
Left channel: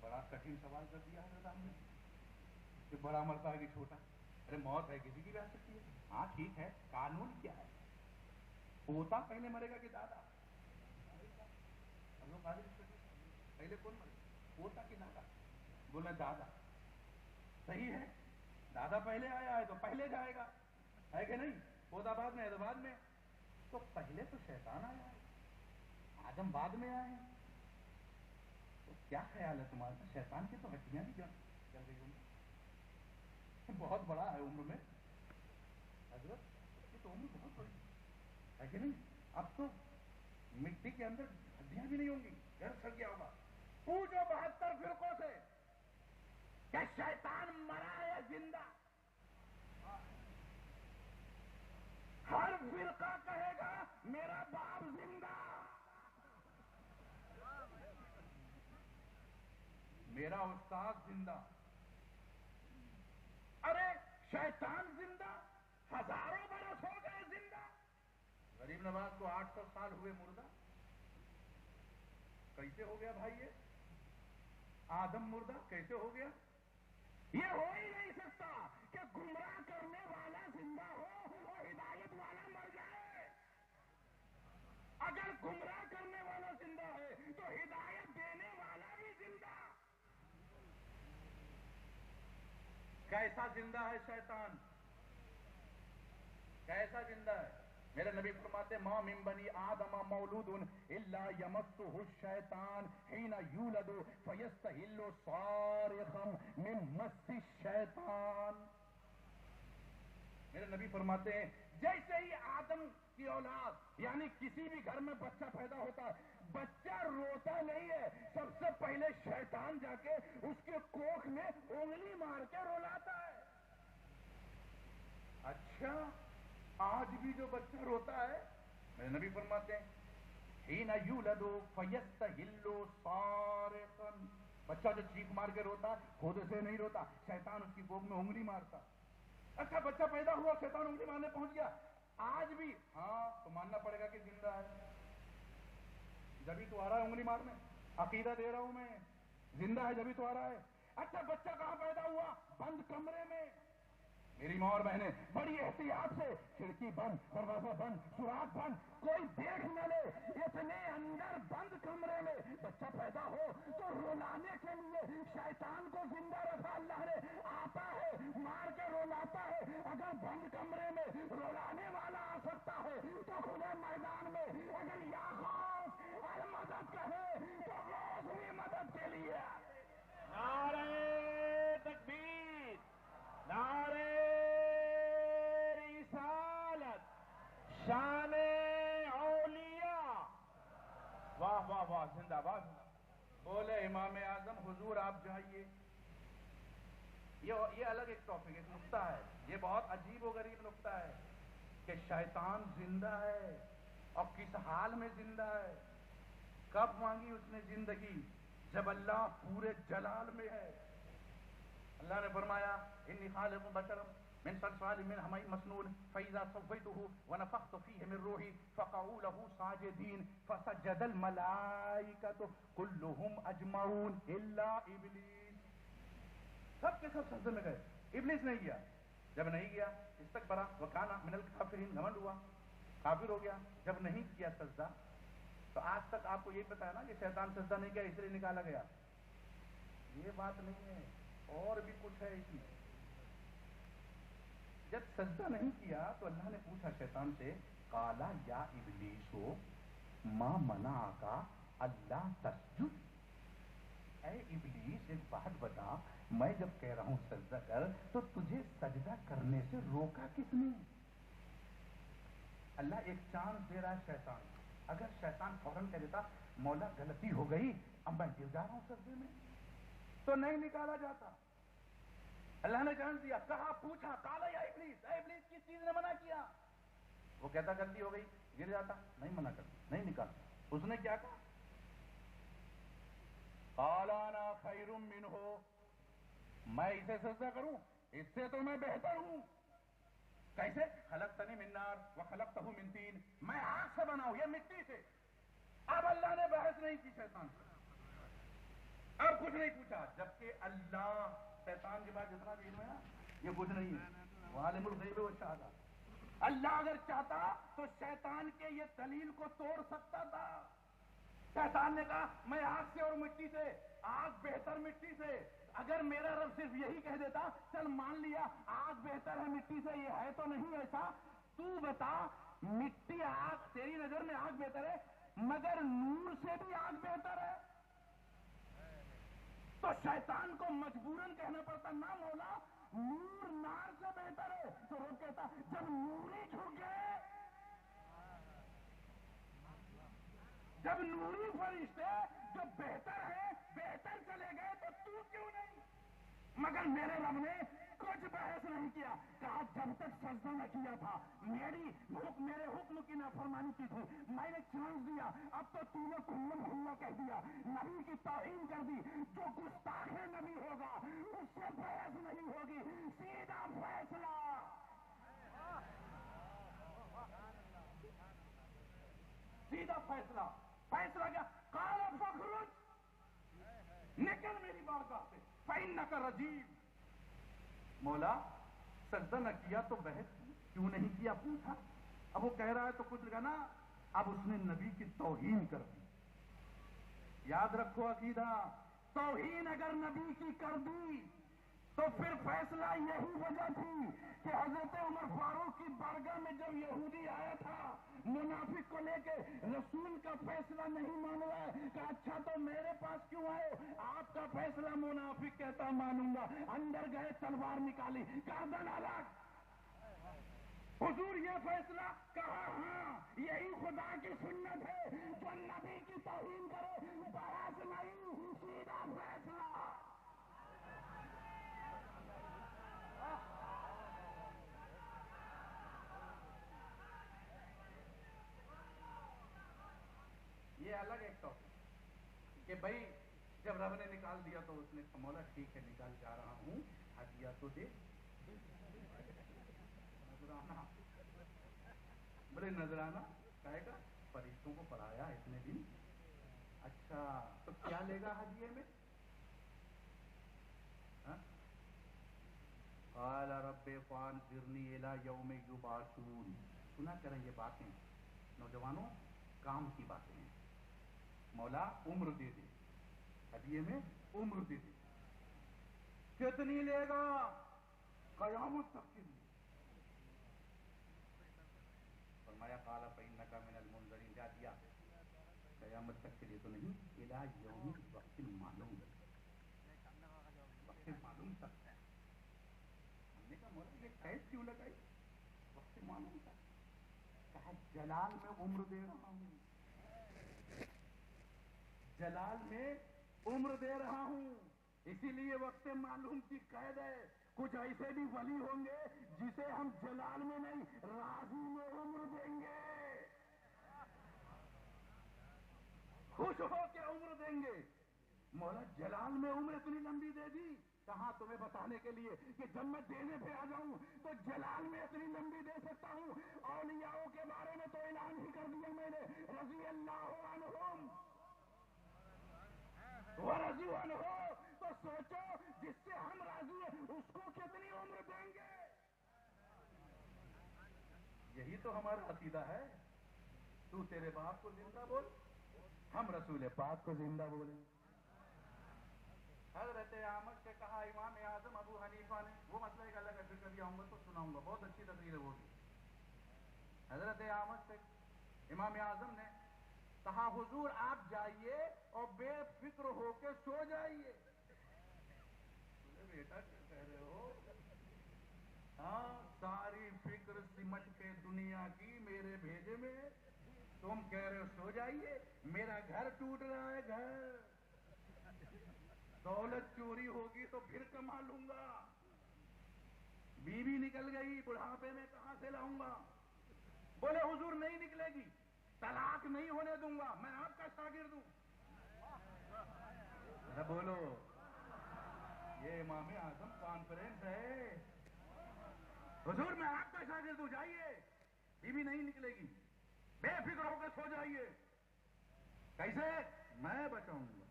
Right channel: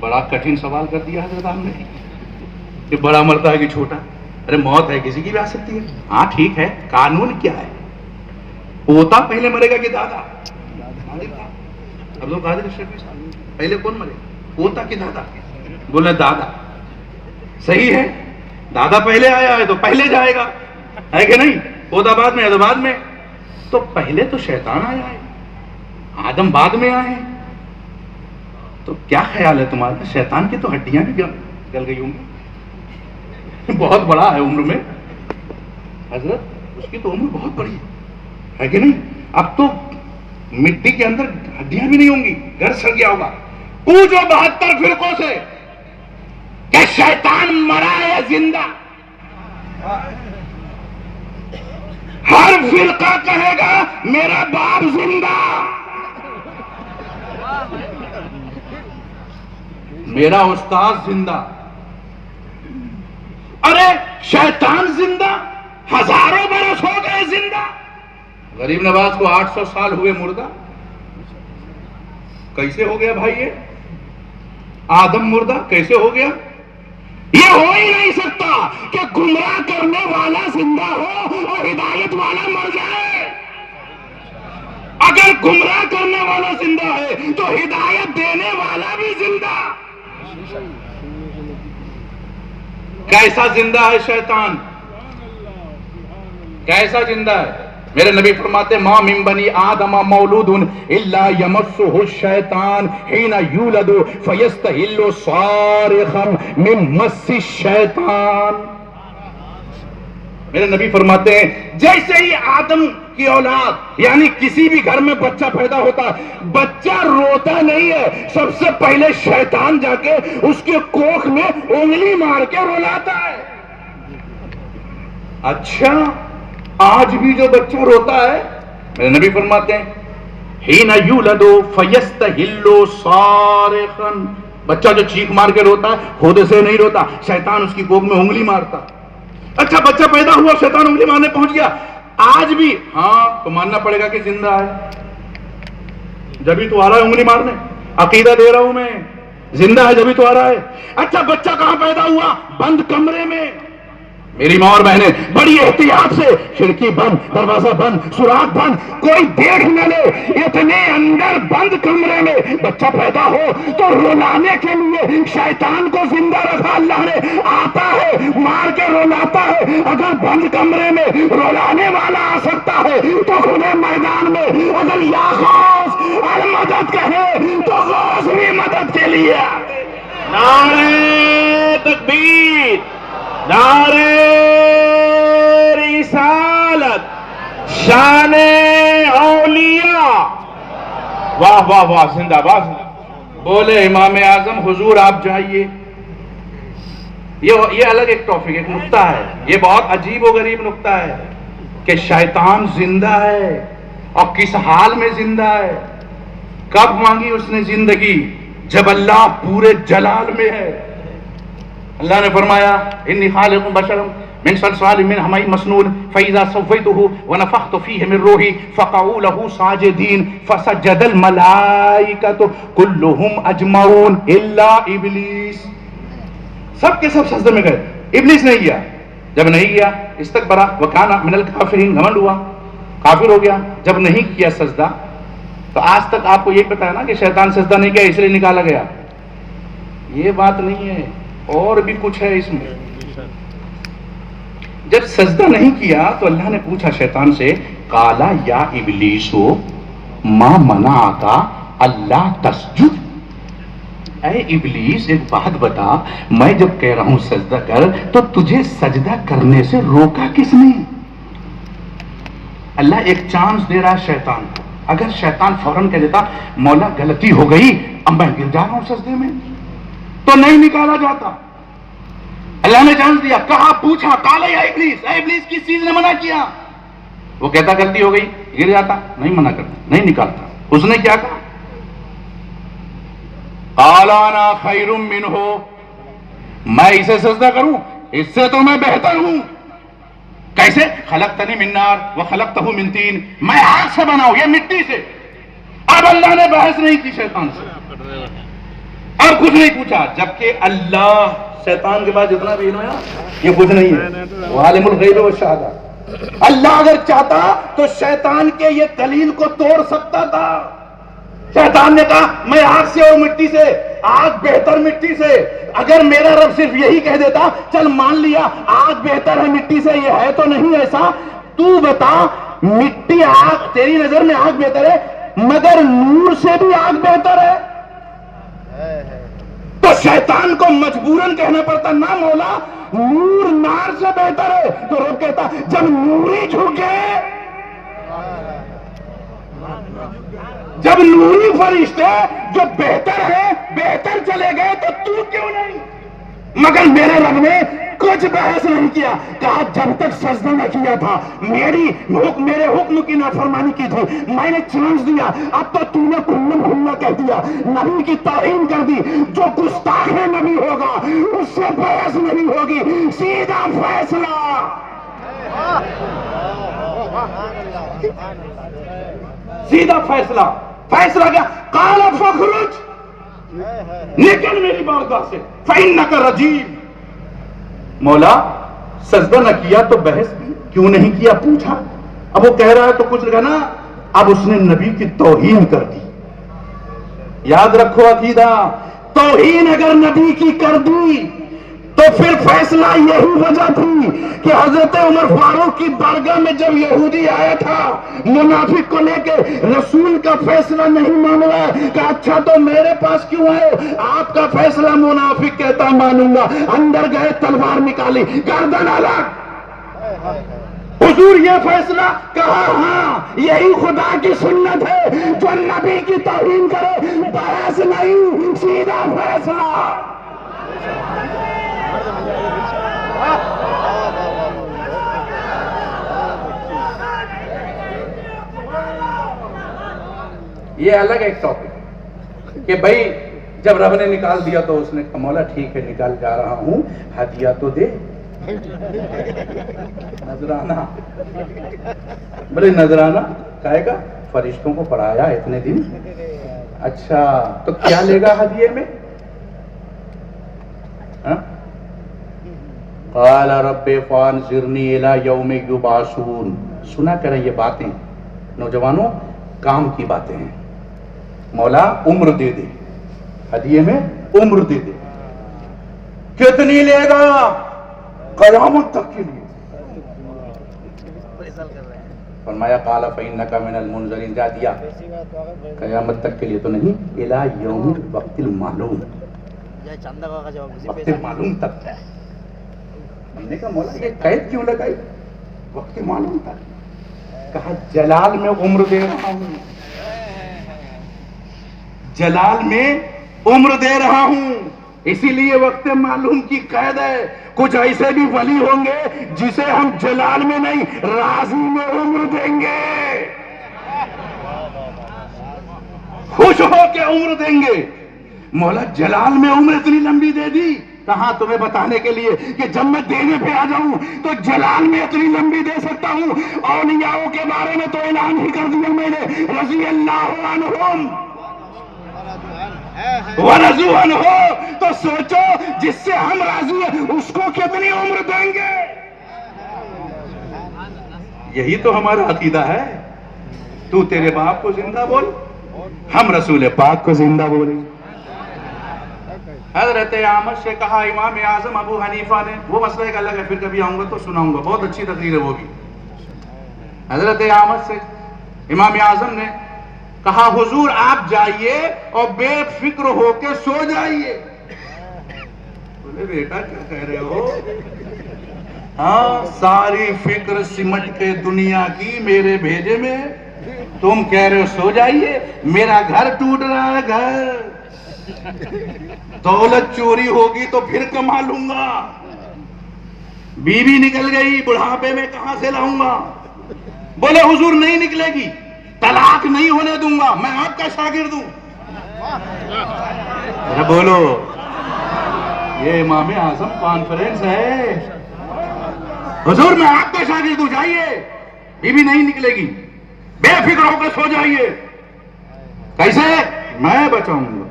بڑا کٹھن سوال کر دیا حضرت آپ نے کہ بڑا مرتا ہے کہ چھوٹا. ارے موت ہے کسی کی بھی آ سکتی ہے. ہاں ٹھیک ہے، قانون کیا ہے؟ پوتا پہلے مرے گا کہ دادا؟ اب لوگ پہلے کون مرے، پوتا کہ دادا؟ بولے دادا. صحیح ہے، دادا پہلے آیا ہے تو پہلے جائے گا، ہے کہ نہیں؟ پوتا بعد میں ہے تو بعد میں. تو پہلے تو شیطان آیا ہے، آدم بعد میں آئے ہیں. تو کیا خیال ہے تمہارا؟ شیطان کی تو ہڈیاں بھی گل گئی ہوں گی. بہت بڑا ہے عمر میں حضرت، اس کی تو عمر بہت بڑی ہے کہ نہیں؟ اب تو مٹی کے اندر ہڈیاں بھی نہیں ہوں گی، گھر سڑ گیا ہوگا. پوچھو 72 فرقوں سے کہ شیطان مرا ہے زندہ. ہر فرقہ کہے گا میرا باپ زندہ، میرا استاد زندہ. ارے شیطان زندہ، ہزاروں برس ہو گئے زندہ. غریب نواز کو 800 سال ہوئے مردہ. کیسے ہو گیا بھائی یہ؟ آدم مردہ کیسے ہو گیا؟ یہ ہو ہی نہیں سکتا کہ گمراہ کرنے والا زندہ ہو اور ہدایت والا مر جائے. اگر گمراہ کرنے والا زندہ ہے تو ہدایت دینے والا بھی زندہ. کیسا زندہ ہے شیطان؟ کیسا زندہ ہے؟ میرے نبی فرماتے ما من بنی آدم مولود الا یمسہ الشیطان حین یولد فیستحل صارخا من مس الشیطان. میرے نبی فرماتے ہیں جیسے ہی آدم کی اولاد یعنی کسی بھی گھر میں بچہ پیدا ہوتا، بچہ روتا نہیں ہے، سب سے پہلے شیطان جا کے اس کے کوکھ میں انگلی مار کے رلاتا ہے. اچھا آج بھی جو بچہ روتا ہے، میرے نبی فرماتے ہیں حین یولد فیستحل صارخا، بچہ جو چیخ مار کے روتا ہے خود سے نہیں روتا، شیطان اس کی کوکھ میں انگلی مارتا. اچھا بچہ پیدا ہوا، شیطان انگلی مارنے پہنچ گیا، آج بھی ہاں تو ماننا پڑے گا کہ زندہ ہے. جبھی تو آ رہا ہے انگلی مارنے، عقیدہ دے رہا ہوں میں، زندہ ہے جبھی تو آ رہا ہے. اچھا بچہ کہاں پیدا ہوا؟ بند کمرے میں. میری ماں اور بہنیں بڑی احتیاط سے، کھڑکی بند، دروازہ بند، سوراخ بند، کوئی دیکھ نہ لے. اتنے اندر بند کمرے میں بچہ پیدا ہو تو رلانے کے لیے شیطان کو زندہ رکھا اللہ نے. آتا ہے مار کے رلاتا ہے. اگر بند کمرے میں رلانے والا آ سکتا ہے تو کھلے میدان میں اگر یا غوث المدد کہے تو غوث بھی مدد کے لیے. نعرہ تکبیر، نعرہ رسالت، شان اولیاء. واہ واہ واہ، زندہ باد. بولے امام اعظم حضور آپ جائیے. یہ الگ ایک ٹاپک، ایک نقطہ ہے، یہ بہت عجیب و غریب نقطہ ہے کہ شیطان زندہ ہے اور کس حال میں زندہ ہے. کب مانگی اس نے زندگی؟ جب اللہ پورے جلال میں ہے. اللہ نے فرمایا انی خالق بشرا من صلصال من حمأ مسنون فاذا سويته ونفخت فيه من روحي فقعوا له ساجدين فسجد الملائكة كلهم اجمعون الا ابلیس. سب کے سب سجدے میں گئے، ابلیس نہیں گیا. جب نہیں گیا استکبر وکان من الکافرین، گھمنڈ ہوا، کافر ہو گیا. جب نہیں کیا سجدہ تو آج تک آپ کو یہ پتا ہے نا کہ شیطان سجدہ نہیں کیا اس لیے نکالا گیا. یہ بات نہیں ہے، اور بھی کچھ ہے اس میں. جب سجدہ نہیں کیا تو اللہ نے پوچھا شیطان سے، قالا یا ابلیسو ما منعک اللہ تسجد، اے ابلیس ایک بات بتا، میں جب کہہ رہا ہوں سجدہ کر تو تجھے سجدہ کرنے سے روکا کس نے؟ اللہ ایک چانس دے رہا ہے شیطان کو، اگر شیطان فوراً کہہ دیتا مولا غلطی ہو گئی اب میں گر جا رہا ہوں سجدے میں، تو نہیں نکالا جاتا۔ اللہ نے چانس دیا، کہا، پوچھا، قال یا ابلیس، اے ابلیس کس چیز نے منع کیا؟ وہ کہتا غلطی ہو گئی، گر جاتا، نہیں منع کرتا، نہیں نکالتا۔ اس نے کیا کہا؟ قال انا خیر منہ، میں اسے سجدہ کروں، اس سے تو میں بہتر ہوں۔ کیسے؟ خلقتنی من نار وخلقتہ من طین، میں آگ سے بنا ہوں، یہ مٹی سے۔ اب اللہ نے بحث نہیں کی شیطان سے، اور کچھ نہیں پوچھا، جبکہ اللہ شیطان کے بعد جتنا بھی علم ہے یہ کچھ نہیں ہے، وہ عالم الغیب والشہادہ۔ اللہ اگر چاہتا تو شیطان کے یہ دلیل کو توڑ سکتا تھا۔ شیطان نے کہا میں آگ سے اور مٹی سے، آگ بہتر مٹی سے۔ اگر میرا رب صرف یہی کہہ دیتا چل مان لیا آگ بہتر ہے مٹی سے، یہ ہے تو نہیں ایسا، تو بتا مٹی آگ تیری نظر میں آگ بہتر ہے مگر نور سے بھی آگ بہتر ہے، تو شیطان کو مجبوراً کہنا پڑتا نہ مولا نور نار سے بہتر ہے، تو رب کہتا جب نوری جھکے، جب نوری فرشتے جو بہتر ہے بہتر چلے گئے تو کیوں نہیں؟ مگر میرے رب نے کچھ بحث نہیں کیا، کہا جب تک سجدہ نہ کیا تھا میرے حکم کی نافرمانی کی تھی، میں نے چانس دیا، اب تو تو نے کلم کھلا کہہ دیا، نبی کی توہین کر دی، جو گستاخ نبی ہوگا اس سے بحث نہیں ہوگی، سیدھا فیصلہ۔ سیدھا فیصلہ کیا؟ قال فخرج، نکل میری بارگاہ سے، فإنک رجیم۔ مولا سجدہ نہ کیا تو بحث کیوں نہیں کیا پوچھا، اب وہ کہہ رہا ہے تو کچھ کہنا، اب اس نے نبی کی توہین کر دی۔ یاد رکھو عقیدہ، توہین اگر نبی کی کر دی تو پھر فیصلہ یہی وجہ تھی کہ حضرت عمر فاروق کی بارگاہ میں جب یہودی آیا تھا منافق کو لے کے، رسول کا فیصلہ نہیں مان رہا کہ اچھا تو میرے پاس کیوں آئے، آپ کا فیصلہ منافق کہتا مانوں گا، اندر گئے تلوار نکالی گردن الگ، حضور یہ فیصلہ، کہا ہاں یہی خدا کی سنت ہے، جو نبی کی توہین کرے بحث نہیں، سیدھا فیصلہ۔ یہ الگ ایک ٹاپک ہے کہ بھائی جب رب نے نکال دیا تو اس نے کہا مولا ٹھیک ہے نکال جا رہا ہوں، ہدیہ تو دے، نذرانہ، بولے نذرانہ کہے گا فرشتوں کو پڑھایا اتنے دن، اچھا تو کیا لے گا ہدیے میں؟ قال رب فانظرنی الی یوم یبعثون۔ سنا کریں یہ باتیں نوجوانوں، کام کی باتیں ہیں۔ مولا عمر دے دے، ہدیے میں عمر دے دے، کتنی لے گا؟ قیامت تک کے لیے۔ فرمایا قال فإنک من المنظرین، جا دیا، قیامت تک کے لیے تو نہیں، الی یوم وقت المعلوم، وقت معلوم تک ہے۔ میں نے کہا مولا یہ قید کیوں لگائی؟ وقت معلوم تک۔ کہا جلال میں عمر دے رہا ہوں، جلال میں عمر دے رہا ہوں، اسی لیے وقت معلوم کی قید ہے۔ کچھ ایسے بھی ولی ہوں گے جسے ہم جلال میں نہیں راضی میں عمر دیں گے، خوش ہو کے عمر دیں گے۔ مولا جلال میں عمر اتنی لمبی دے دی، کہاں تمہیں بتانے کے لیے کہ جب میں دینے پہ آ جاؤں تو جلال میں اتنی لمبی دے سکتا ہوں۔ اولیاءوں کے بارے میں تو اعلان ہی کر دیا میں نے، رضی اللہ عنہم ورضوا عنہ، تو سوچو جس سے ہم راضی ہیں اس کو کتنی عمر دیں گے۔ یہی تو ہمارا عقیدہ ہے۔ تو تیرے باپ کو زندہ بول، ہم رسول پاک کو زندہ بولیں۔ حضرت اعمش سے کہا امام اعظم ابو حنیفہ نے، وہ مسئلہ ایک الگ ہے، پھر کبھی آؤں گا تو سناؤں گا، بہت اچھی تقریر ہے وہ بھی. حضرت اعمش سے امام اعظم نے کہا حضور آپ جائیے اور بے فکر ہو کے سو جائیے. بولے بیٹا کیا کہہ رہے ہو؟ ہاں ساری فکر سمٹ کے دنیا کی میرے بھیجے میں، تم کہہ رہے ہو سو جائیے. میرا گھر ٹوٹ رہا ہے، گھر. دولت چوری ہوگی تو پھر کما لوں گا، بیوی نکل گئی بڑھاپے میں کہاں سے لاؤں گا؟ بولے حضور نہیں نکلے گی، طلاق نہیں ہونے دوں گا، میں آپ کا شاگرد ہوں. بولو یہ امام اعظم کانفرنس ہے. حضور میں آپ کا شاگرد ہوں، جائیے، بیوی نہیں نکلے گی، بے فکر ہو کے سو جائیے. کیسے؟ میں بچاؤں گا.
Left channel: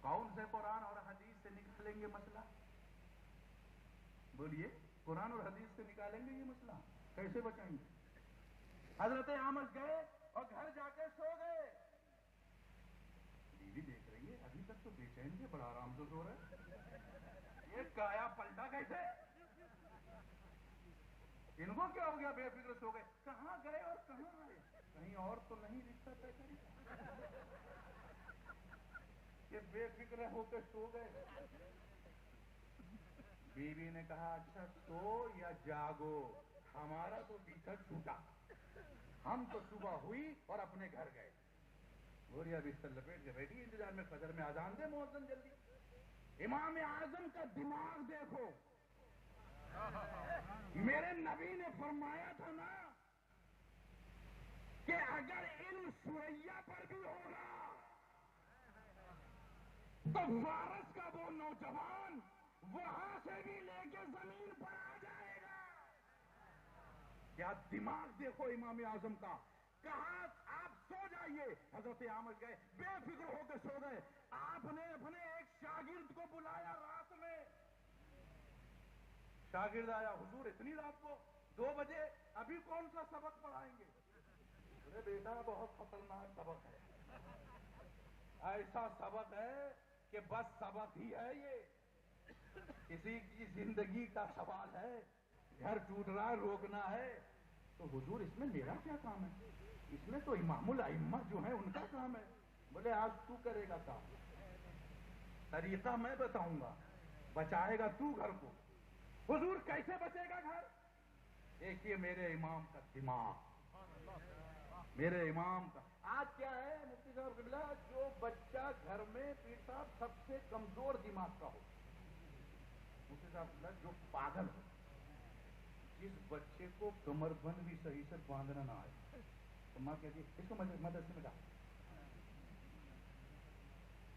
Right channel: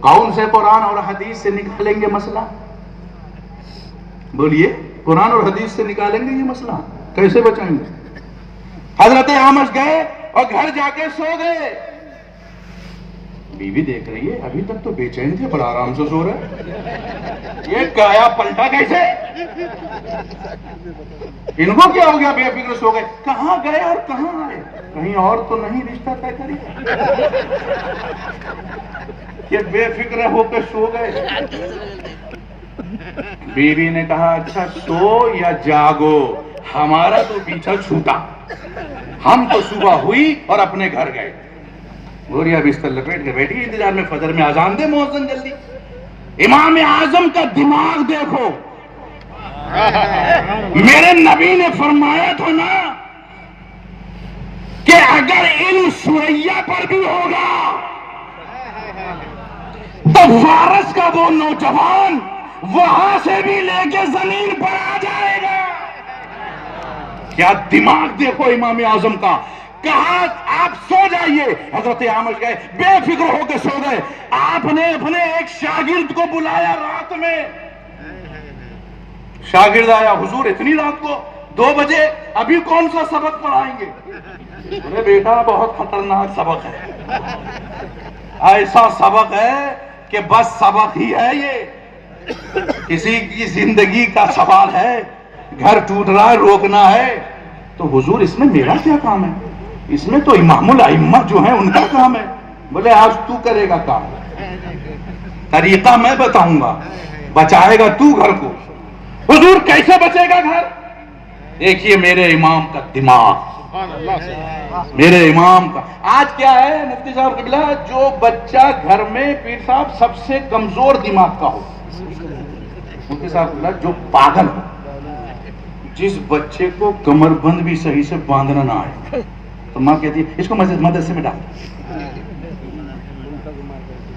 کون سے قرآن اور حدیث سے نکالیں گے مسئلہ؟ بولیے، قرآن اور حدیث سے نکالیں گے یہ مسئلہ؟ کیسے بچائیں گے؟ حضرت اعمش گئے اور گھر جا کے سو گئے. بیوی دیکھ رہی ہے ابھی تک تو بے چین تھے، بڑا آرام سے سو رہے، یہ کایا پلٹا کیسے؟ ان کو کیا ہو گیا؟ بے فکر سو گئے. کہاں گئے اور کہاں آئے؟ کہیں اور تو نہیں رشتہ طے کری کہ بے فکر ہو کے سو گئے؟ بیوی نے کہا اچھا سو یا جاگو، ہمارا تو پیچھا چھوٹا، ہم تو صبح ہوئی اور اپنے گھر گئے. گوریا بستر لپیٹ کے بیٹھی انتظار میں فجر میں اذان دے مؤذن جلدی. امام اعظم کا دماغ دیکھو. میرے نبی نے فرمایا تھا نا کہ اگر علم سوریا پر بھی ہوگا تو فارس کا وہ نوجوان وہاں سے بھی لے کے زمین پر آ جائے گا. کیا دماغ دیکھو امام اعظم کا. کہا آپ سو جائیے. حضرت اعمش گئے، بے فکر ہو کے سو گئے. آپ نے اپنے ایک شاگرد کو بلایا رات میں. شاگرد آیا، حضور اتنی رات کو 2 بجے، ابھی کون سا سبق پڑھائیں گے؟ ارے بیٹا بہت خطرناک سبق ہے، ایسا سبق ہے کہ بس سبق ہی ہے یہ، کسی کی زندگی کا سوال ہے، گھر ٹوٹ رہا ہے روکنا ہے. تو حضور اس میں میرا کیا کام ہے؟ اس میں تو امام الائمہ جو ہیں ان کا کام ہے. بولے آج تو کرے گا کام، طریقہ میں بتاؤں گا، بچائے گا تو گھر کو. حضور کیسے بچے گا گھر؟ دیکھیے میرے امام کا دماغ، میرے امام کا. آج کیا ہے مفتی صاحب قبلہ، جو بچہ گھر میں پیر صاحب سب سے کمزور دماغ کا ہو، مفتی صاحب قبلہ جو پاگل ہو، جس بچے کو کمر بند بھی صحیح سے باندھنا نہ آئے تو ماں کہتی ہے اس کو مدرسے میں ڈال.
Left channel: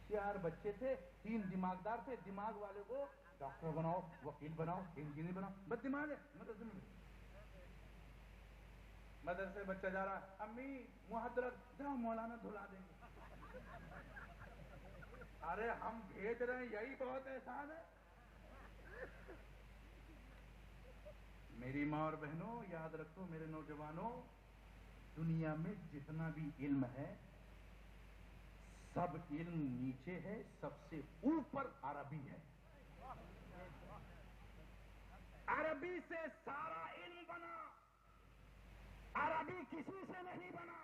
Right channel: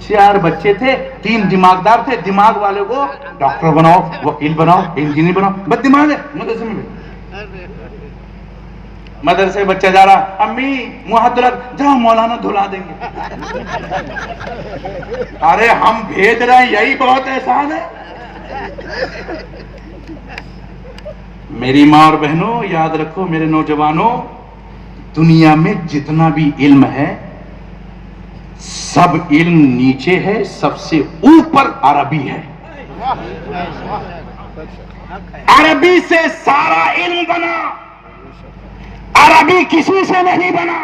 4 بچے تھے، 3 دماغدار تھے، دماغ والے کو ڈاکٹر بناؤ، وکیل بناؤ، انجینئر بناؤ، بس دماغ ہے مدرسے میں. مدرسے بچہ جا رہا، امی منہ ہاتھ دھلا، جاؤ مولانا دھلا دیں گے. ارے ہم بھیج رہے ہیں یہی بہت احسان ہے. میری ماں اور بہنوں یاد رکھو، میرے نوجوانوں، دنیا میں جتنا بھی علم ہے سب علم نیچے ہے، سب سے اوپر عربی ہے. عربی سے سارا علم بنا، عربی کسی سے نہیں بنا.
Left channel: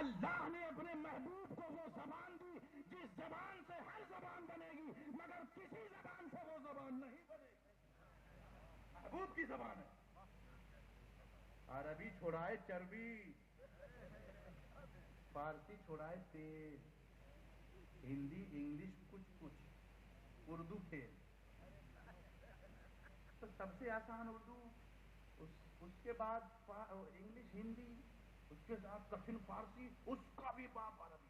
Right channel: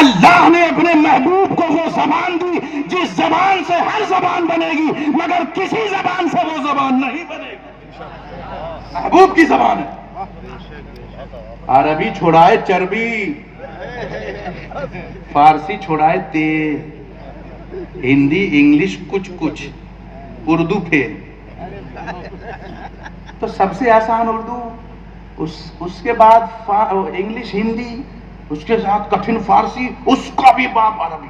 اللہ نے اپنے محبوب کو وہ زبان دی جس زبان سے ہر زبان بنے گی، مگر کسی زبان سے وہ زبان نہیں بنے گی. محبوب کی زبان ہے. عربی چھوڑائے چربی، فارسی چھوڑائے تیل، ہندی انگلش کچھ، اردو پھر. تو سب سے آسان اردو، اس کے بعد انگلش ہندی، اس کے ساتھ کٹھن فارسی، اس کا بھی باپ عربی.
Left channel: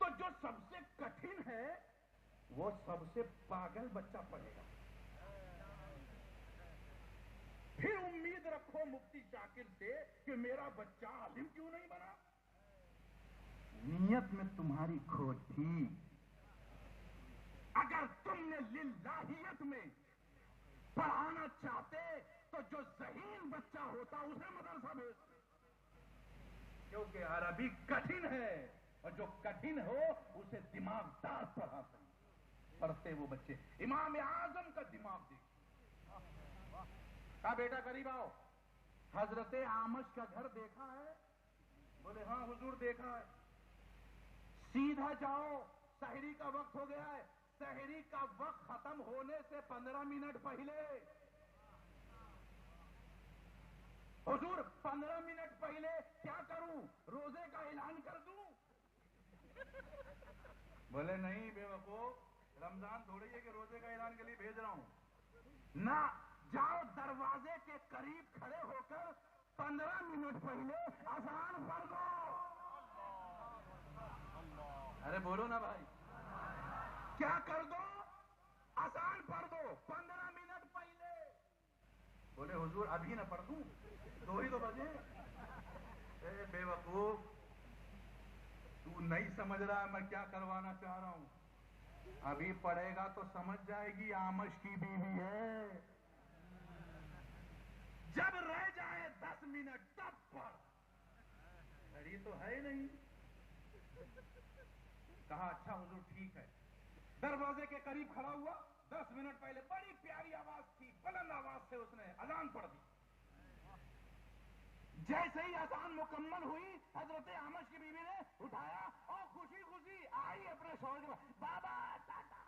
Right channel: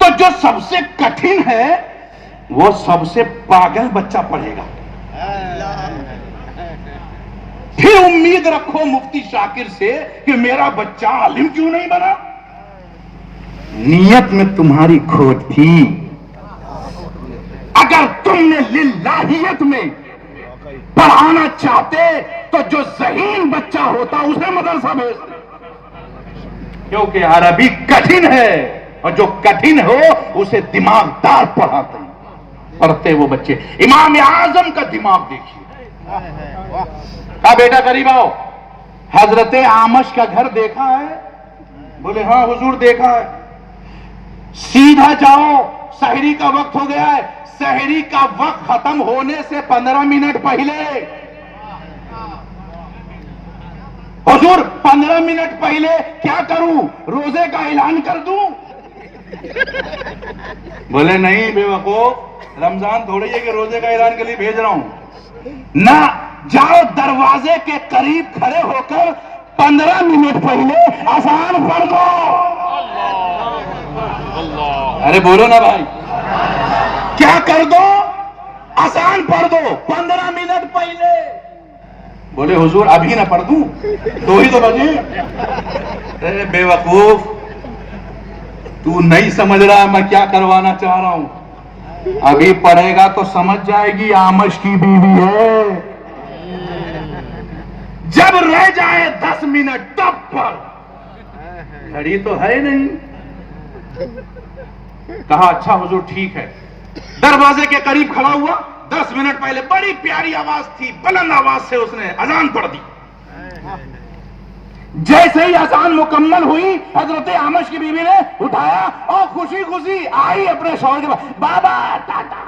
تو جو سب سے کٹھن ہے وہ سب سے پاگل بچہ پڑھے گا. پھر امید رکھو مفتی شاکر سے کہ میرا بچہ عالم کیوں نہیں بنا. نیت میں تمہاری کھوٹ تھی. اگر تم نے للہیت میں پڑھانا چاہتے تو جو ذہین بچہ ہوتا اسے مدرسہ بھیجتے، کیونکہ عربی کٹھن ہے. اور جو کٹھن ہو اسے دماغ دار پڑھاتے ہیں، پڑھتے وہ بچے۔ امام اعظم کا دماغ دیکھیے۔ کہا بیٹا قریب آؤ، حضرت اعمش کا گھر دیکھا ہے؟ بولے ہاں حضور دیکھا ہے۔ سیدھا جاؤ، سحری کا وقت ہو گیا ہے، سحری کا وقت ختم ہونے سے 15 منٹ پہلے، حضور 15 منٹ پہلے کیا کروں؟ روزے کا اعلان کر دوں؟ بولے نہیں بے وقوف، رمضان تھوڑی ہے کہ روزے کا اعلان کے لیے بھیج رہا ہوں۔ نہ، جاؤ دروازے کے قریب کھڑے ہو کر 15 منٹ پہلے اذان پڑھ دو۔ ارے بولو نا بھائی، کیا کر دو؟ اذان پڑھ دو 15 منٹ پہلے۔ بولے حضور ابھی نہ پڑھ دوں؟ 2 ہی تو بجے۔ اے بے وقوف، تو نہیں سمجھ رہا میں کیا کروانا چاہ رہا ہوں۔ ابھی پڑھے گا تو سمجھ جائے گی اعمش کی بیوی ہے۔ جب رہ جائے 10 منٹ تب پڑھ، گھڑی تو ہے نہیں۔ کہا اچھا حضور ٹھیک ہے۔ دروازے کے قریب کھڑا ہوا، 10 منٹ پہلے بڑی پیاری آواز تھی، بلند آواز سے اس نے اذان پڑھ دی۔ جیسے ہی اذان مکمل ہوئی، حضرت اعمش کی بیوی نے اٹھایا اور خوشی خوشی آئی اپنے شوہر کے پاس، بابا ٹاٹا،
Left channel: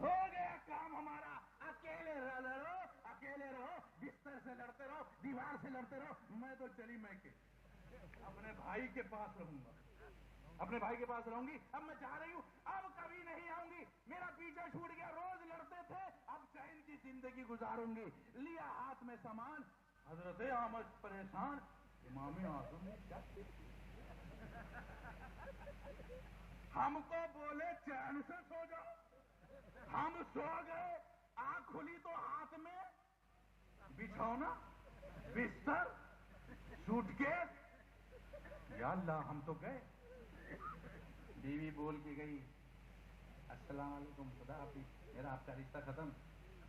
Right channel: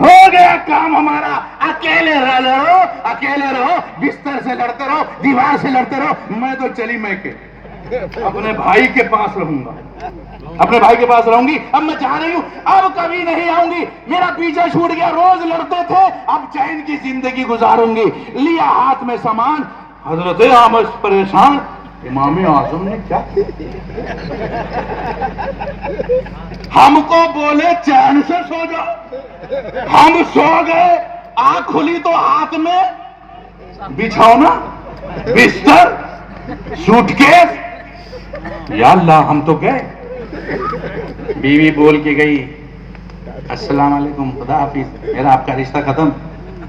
ہو گیا کام ہمارا، اکیلے رہو، اکیلے رہو، بستر سے لڑتے رہو، دیوار سے لڑتے رہو، میں تو چلی میں کے اپنے بھائی کے پاس رہوں گا، اپنے بھائی کے پاس رہوں گی۔ اب میں چاہ رہی ہوں اب کبھی نہیں آؤں گی، میرا پیچھا چھوٹ گیا، روز لڑتے تھے، اب چین کی زندگی گزاروں گی۔ لیا ہاتھ میں سامان، حضرت اعمش پریشان، امام اعظم نے کیا ہم کو بولے چین سے سو جاؤ، ہم سو گئے، آنکھ کھلی تو ہاتھ میں بچھونا، بستر، سوٹ کیس، یا اللہ ہم تو گئے۔ بیوی بول کے گئی السلام علیکم، خدا حافظ، میرا آپ کا رشتہ ختم،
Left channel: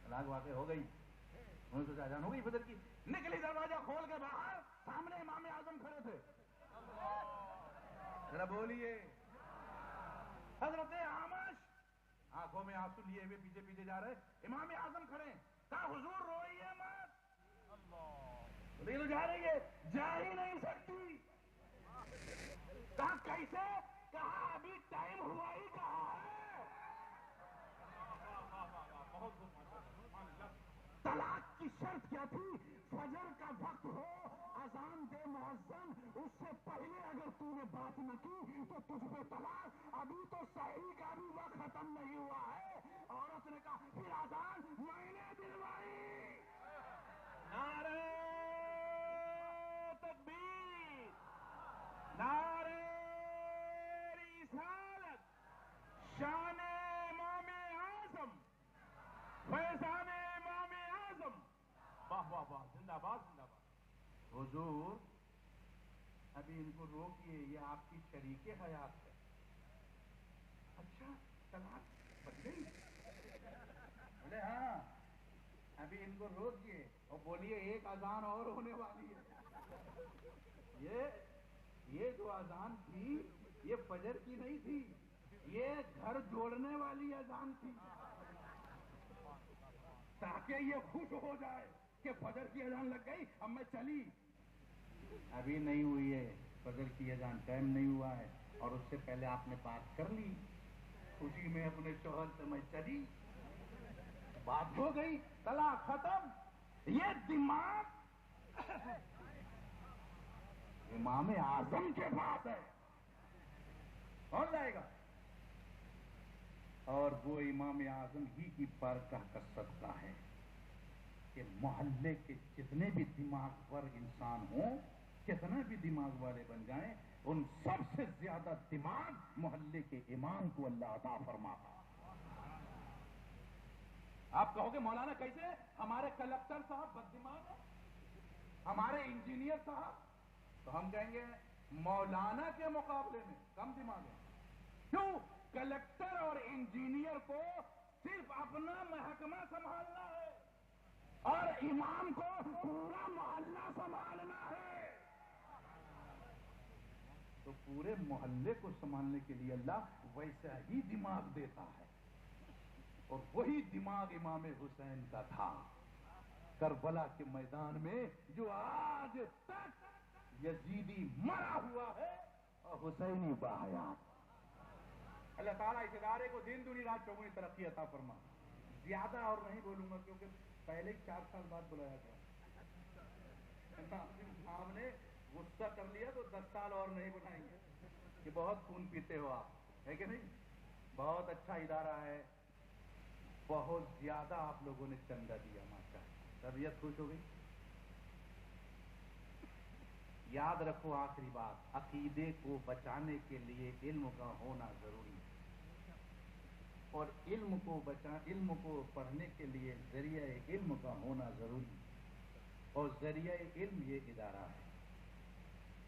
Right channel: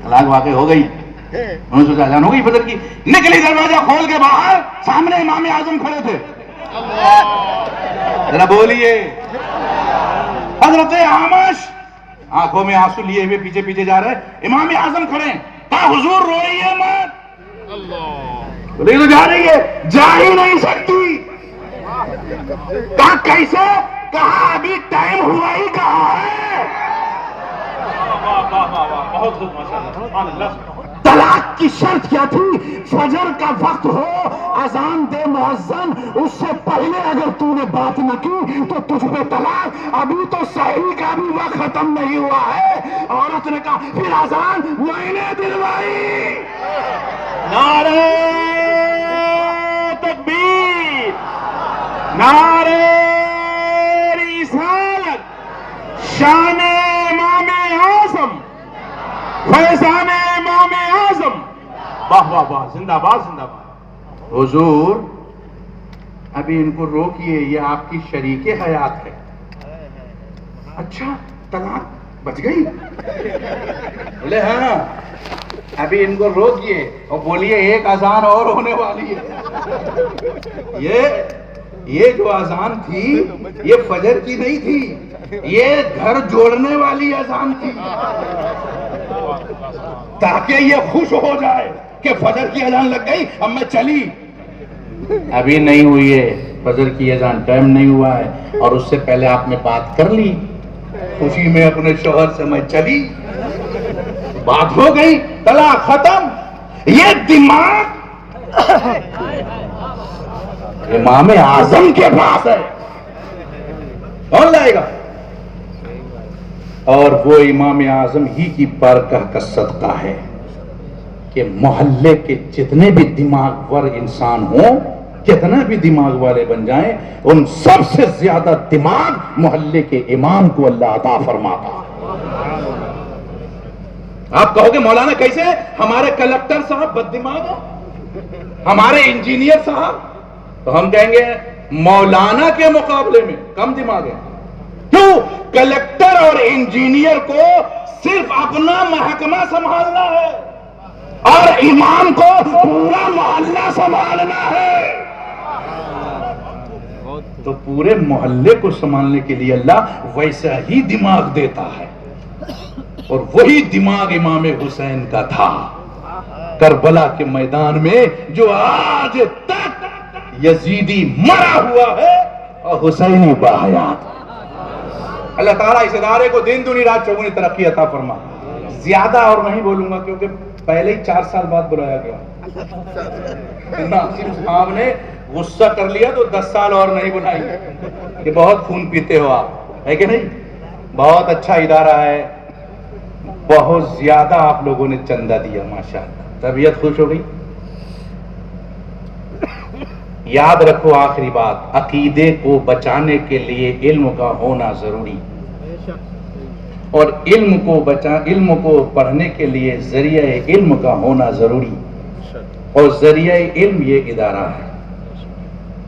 طلاق واقع ہو گئی۔ انہوں نے سوچا اذان ہو گئی فجر کی، نکلی دروازہ کھول کے باہر، سامنے امام اعظم کھڑے تھے۔ ذرا بولیے، حضرت اعمش آنکھوں میں آنسو لیے ہوئے پیچھے پیچھے جا رہے، امام اعظم کھڑے، کہا حضور روئیے مت، بولے تو جا رہی ہے، جا ہی نہیں سکتی۔ کہا کیسے؟ کہا ابھی ٹائم ہوا ہی کہاں ہے۔ طلاق کی شرط کیا تھی؟ فجر کا وقت ہو، اذان دے مؤذن، اس سے پہلے اگر تو نے بات نہ کی تو تجھ پہ طلاق۔ ابھی تو سحری کا بھی وقت ختم نہیں ہوا ہے۔ عورت نے کہا پھر اذان میں نے دلوائی۔ نعرہ تکبیر، نعرہ رسالت، شان امام اعظم، فیضان امام اعظم، واہ واہ واہ، زندہ باد زندہ باد۔ حضور ابھی ان کو روکیے، یہ آپ کی شریک حیات ہے۔ اچھا طلاق بچ گئی؟ بولے ہاں، ابھی ان کو روکیے اور بولیے ایک اذان اور ہونے والی ہے۔ یہ جو اذان تھی یہ فجر کی نہیں تھی، یہ گھر جوڑنے والی اذان تھی، تاکہ یہ خوش ہو جائے کہ فجر کی اذان لگ گئی، اب میں چلی۔ ابھی نہیں ہوئی ہے فجر کی اذان، ٹائم نہیں ہوا ہے، اور اس سے پہلے آپ نے بات کر لی، خوشی میں اپنے شوہر سے میں چلی، بات ہو گئی، طلاق ختم۔ یہ دماغ امام اعظم کے پاس ہے، کون لائے گا؟ اور وہ امام اعظم ہی کی بارگاہ کا صدقہ ہے کہ محلے کے جتنے بھی دماغ ور انسان ہوں، کتنا بھی دماغ والے بن جائیں، ان سب سے زیادہ دماغ محلے کے امام کو اللہ عطا فرماتا۔ آپ کہو گے مولانا کیسے؟ ہمارے کلکٹر صاحب بد دماغ ہیں، ہمارے انجینئر صاحب، تو ہم کہیں گے مولانا کے مقابلے میں کم دماغ ہے۔ کیوں؟ کلکٹر اور انجینئر کو صرف اپنا محکمہ سنبھالنا ہے اور امام کو پورا محلہ سنبھالنا ہے۔ تو پورے محلے کو سنبھالنے کے لیے اللہ ویسا ہی دماغ دیتا ہے، اور وہی دماغ امام حسین کا تھا کربلا کے میدان میں، جو آج تک یزیدی مرا ہوا ہے اور حسینی باحیات۔ اللہ تعالیٰ اس ادارے کو دن دنی رات چوگنی ترقی عطا فرما۔ زیادہ اور نہیں بولوں گا کیونکہ پہلے ہی 4 سال بعد بلایا گیا، ناصر صاحب نے غصہ کر لیا تو 10 سال اور نہیں بنائی کہ بہت خون پیتے ہو آپ، ہے کہ نہیں؟ بہت اچھا ادارہ ہے، بہت زیادہ آپ لوگوں نے چندہ دیا، ماشاءاللہ، طبیعت خوش ہو گئی۔ یاد رکھو آخری بات، عقیدے کو بچانے کے لیے علم کا ہونا ضروری، اور علم کو پڑھنے کے لیے ذریعہ علم کا ہونا ضروری، اور ذریعہ علم یہ ادارہ ہے،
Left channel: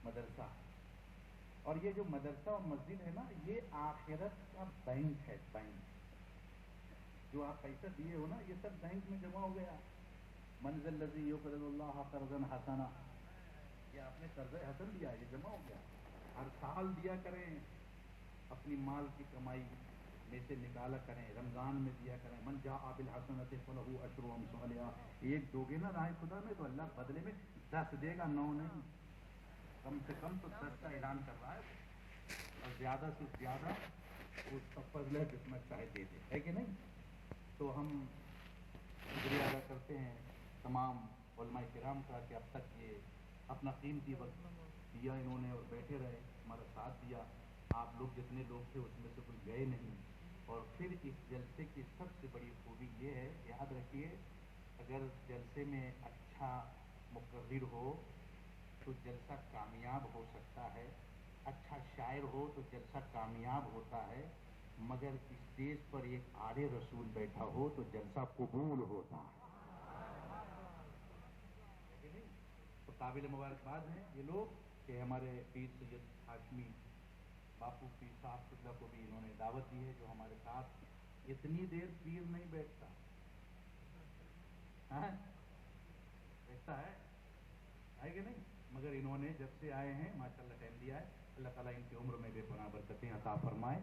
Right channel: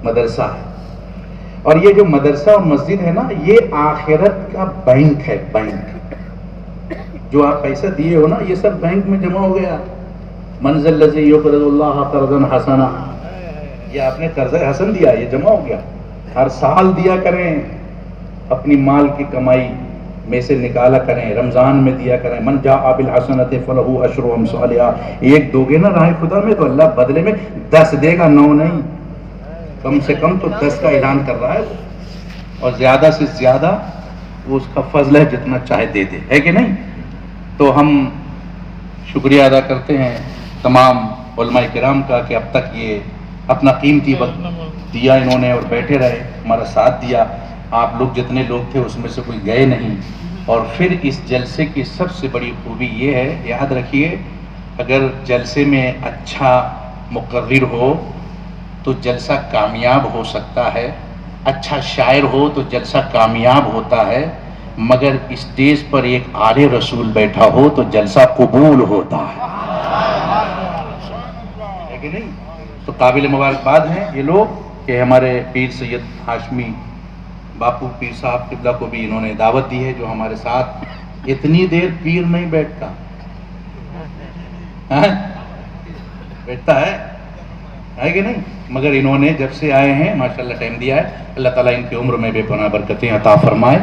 مدرسہ ہے۔ اور یہ جو مدرسہ اور مسجد ہے نا، یہ آخرت کا بینک ہے، بینک۔ جو آپ پیسہ دیے ہو نا، یہ سب بینک میں جمع ہو گیا۔ من ذا الذی یقرض اللہ قرضا حسنا، یہ آپ نے قرض حسن دیا، یہ جمع ہو گیا۔ ہر سال دیا کریں، اپنی مال کی کمائی میں سے نکالا کریں، رمضان میں دیا کریں۔ من جاء بالحسنۃ فلہ عشر امثالھا، ایک دو گے نا راہ خدا میں تو اللہ بدلے میں 10 دے گا، 9 نہیں، کم سے کم تو 10 کا اعلان کر رہا ہے، اور زیادہ سے زیادہ وہ اس کا فضل ہے، جتنا چاہے دے دے، ہے کہ نہیں؟ تو ہم شکریہ ادا کرتے ہیں تمام علماء کرام کا کہ اب تک یہ اپنا قیمتی وقت دیا انہوں نے، اور بیٹھے رہے، ہمارا ساتھ دیا۔ آپ لوگ جتنے لوگ تھے اس میں سے کوئی گئے نہیں۔ اور پھر اس جلسے کی سب سے بڑی خوبی یہ ہے، یاد رکھیے، اگر جلسے میں اچھا مقرر ہو تو جلسہ کامیاب ہو سکتا ہے، اچھا شاعر ہو تو جلسہ کامیاب ہوتا ہے، مگر اسٹیج پر ایک آل رسول بیٹھا ہو تو جلسہ قبول ہوتا ہے کہ نہیں؟ تو قابل مبارکباد ہیں یہ لوگ کہ ہمارے پیر سید ہاشمی باپو پیر صاحب قبلہ کو بھی انہوں نے دعوت دی ہے، جو ہمارے ساتھ اتنی دیر پیر نہیں بیٹھتا، بیٹھتا ہے کہ نہیں؟ مگر انہوں نے جب سے آئے ہیں ماشاءاللہ ٹائم دیا ہے۔ اللہ تعالیٰ ان کی عمر میں بے پناہ برکتیں عطا فرمائے،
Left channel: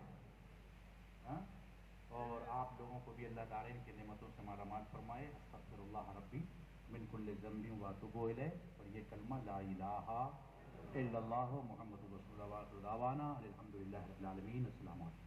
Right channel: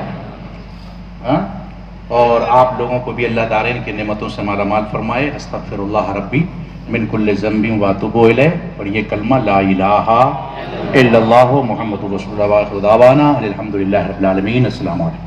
اور آپ لوگوں کو بھی اللہ دارین کی نعمتوں سے مالا مال فرمائے۔ استغفر اللہ ربی من کل ذنب واتوب الیہ، اور یہ کلمہ لا الہ الا اللہ محمد رسول اللہ، الحمدللہ رب العالمین۔ السلام علیکم۔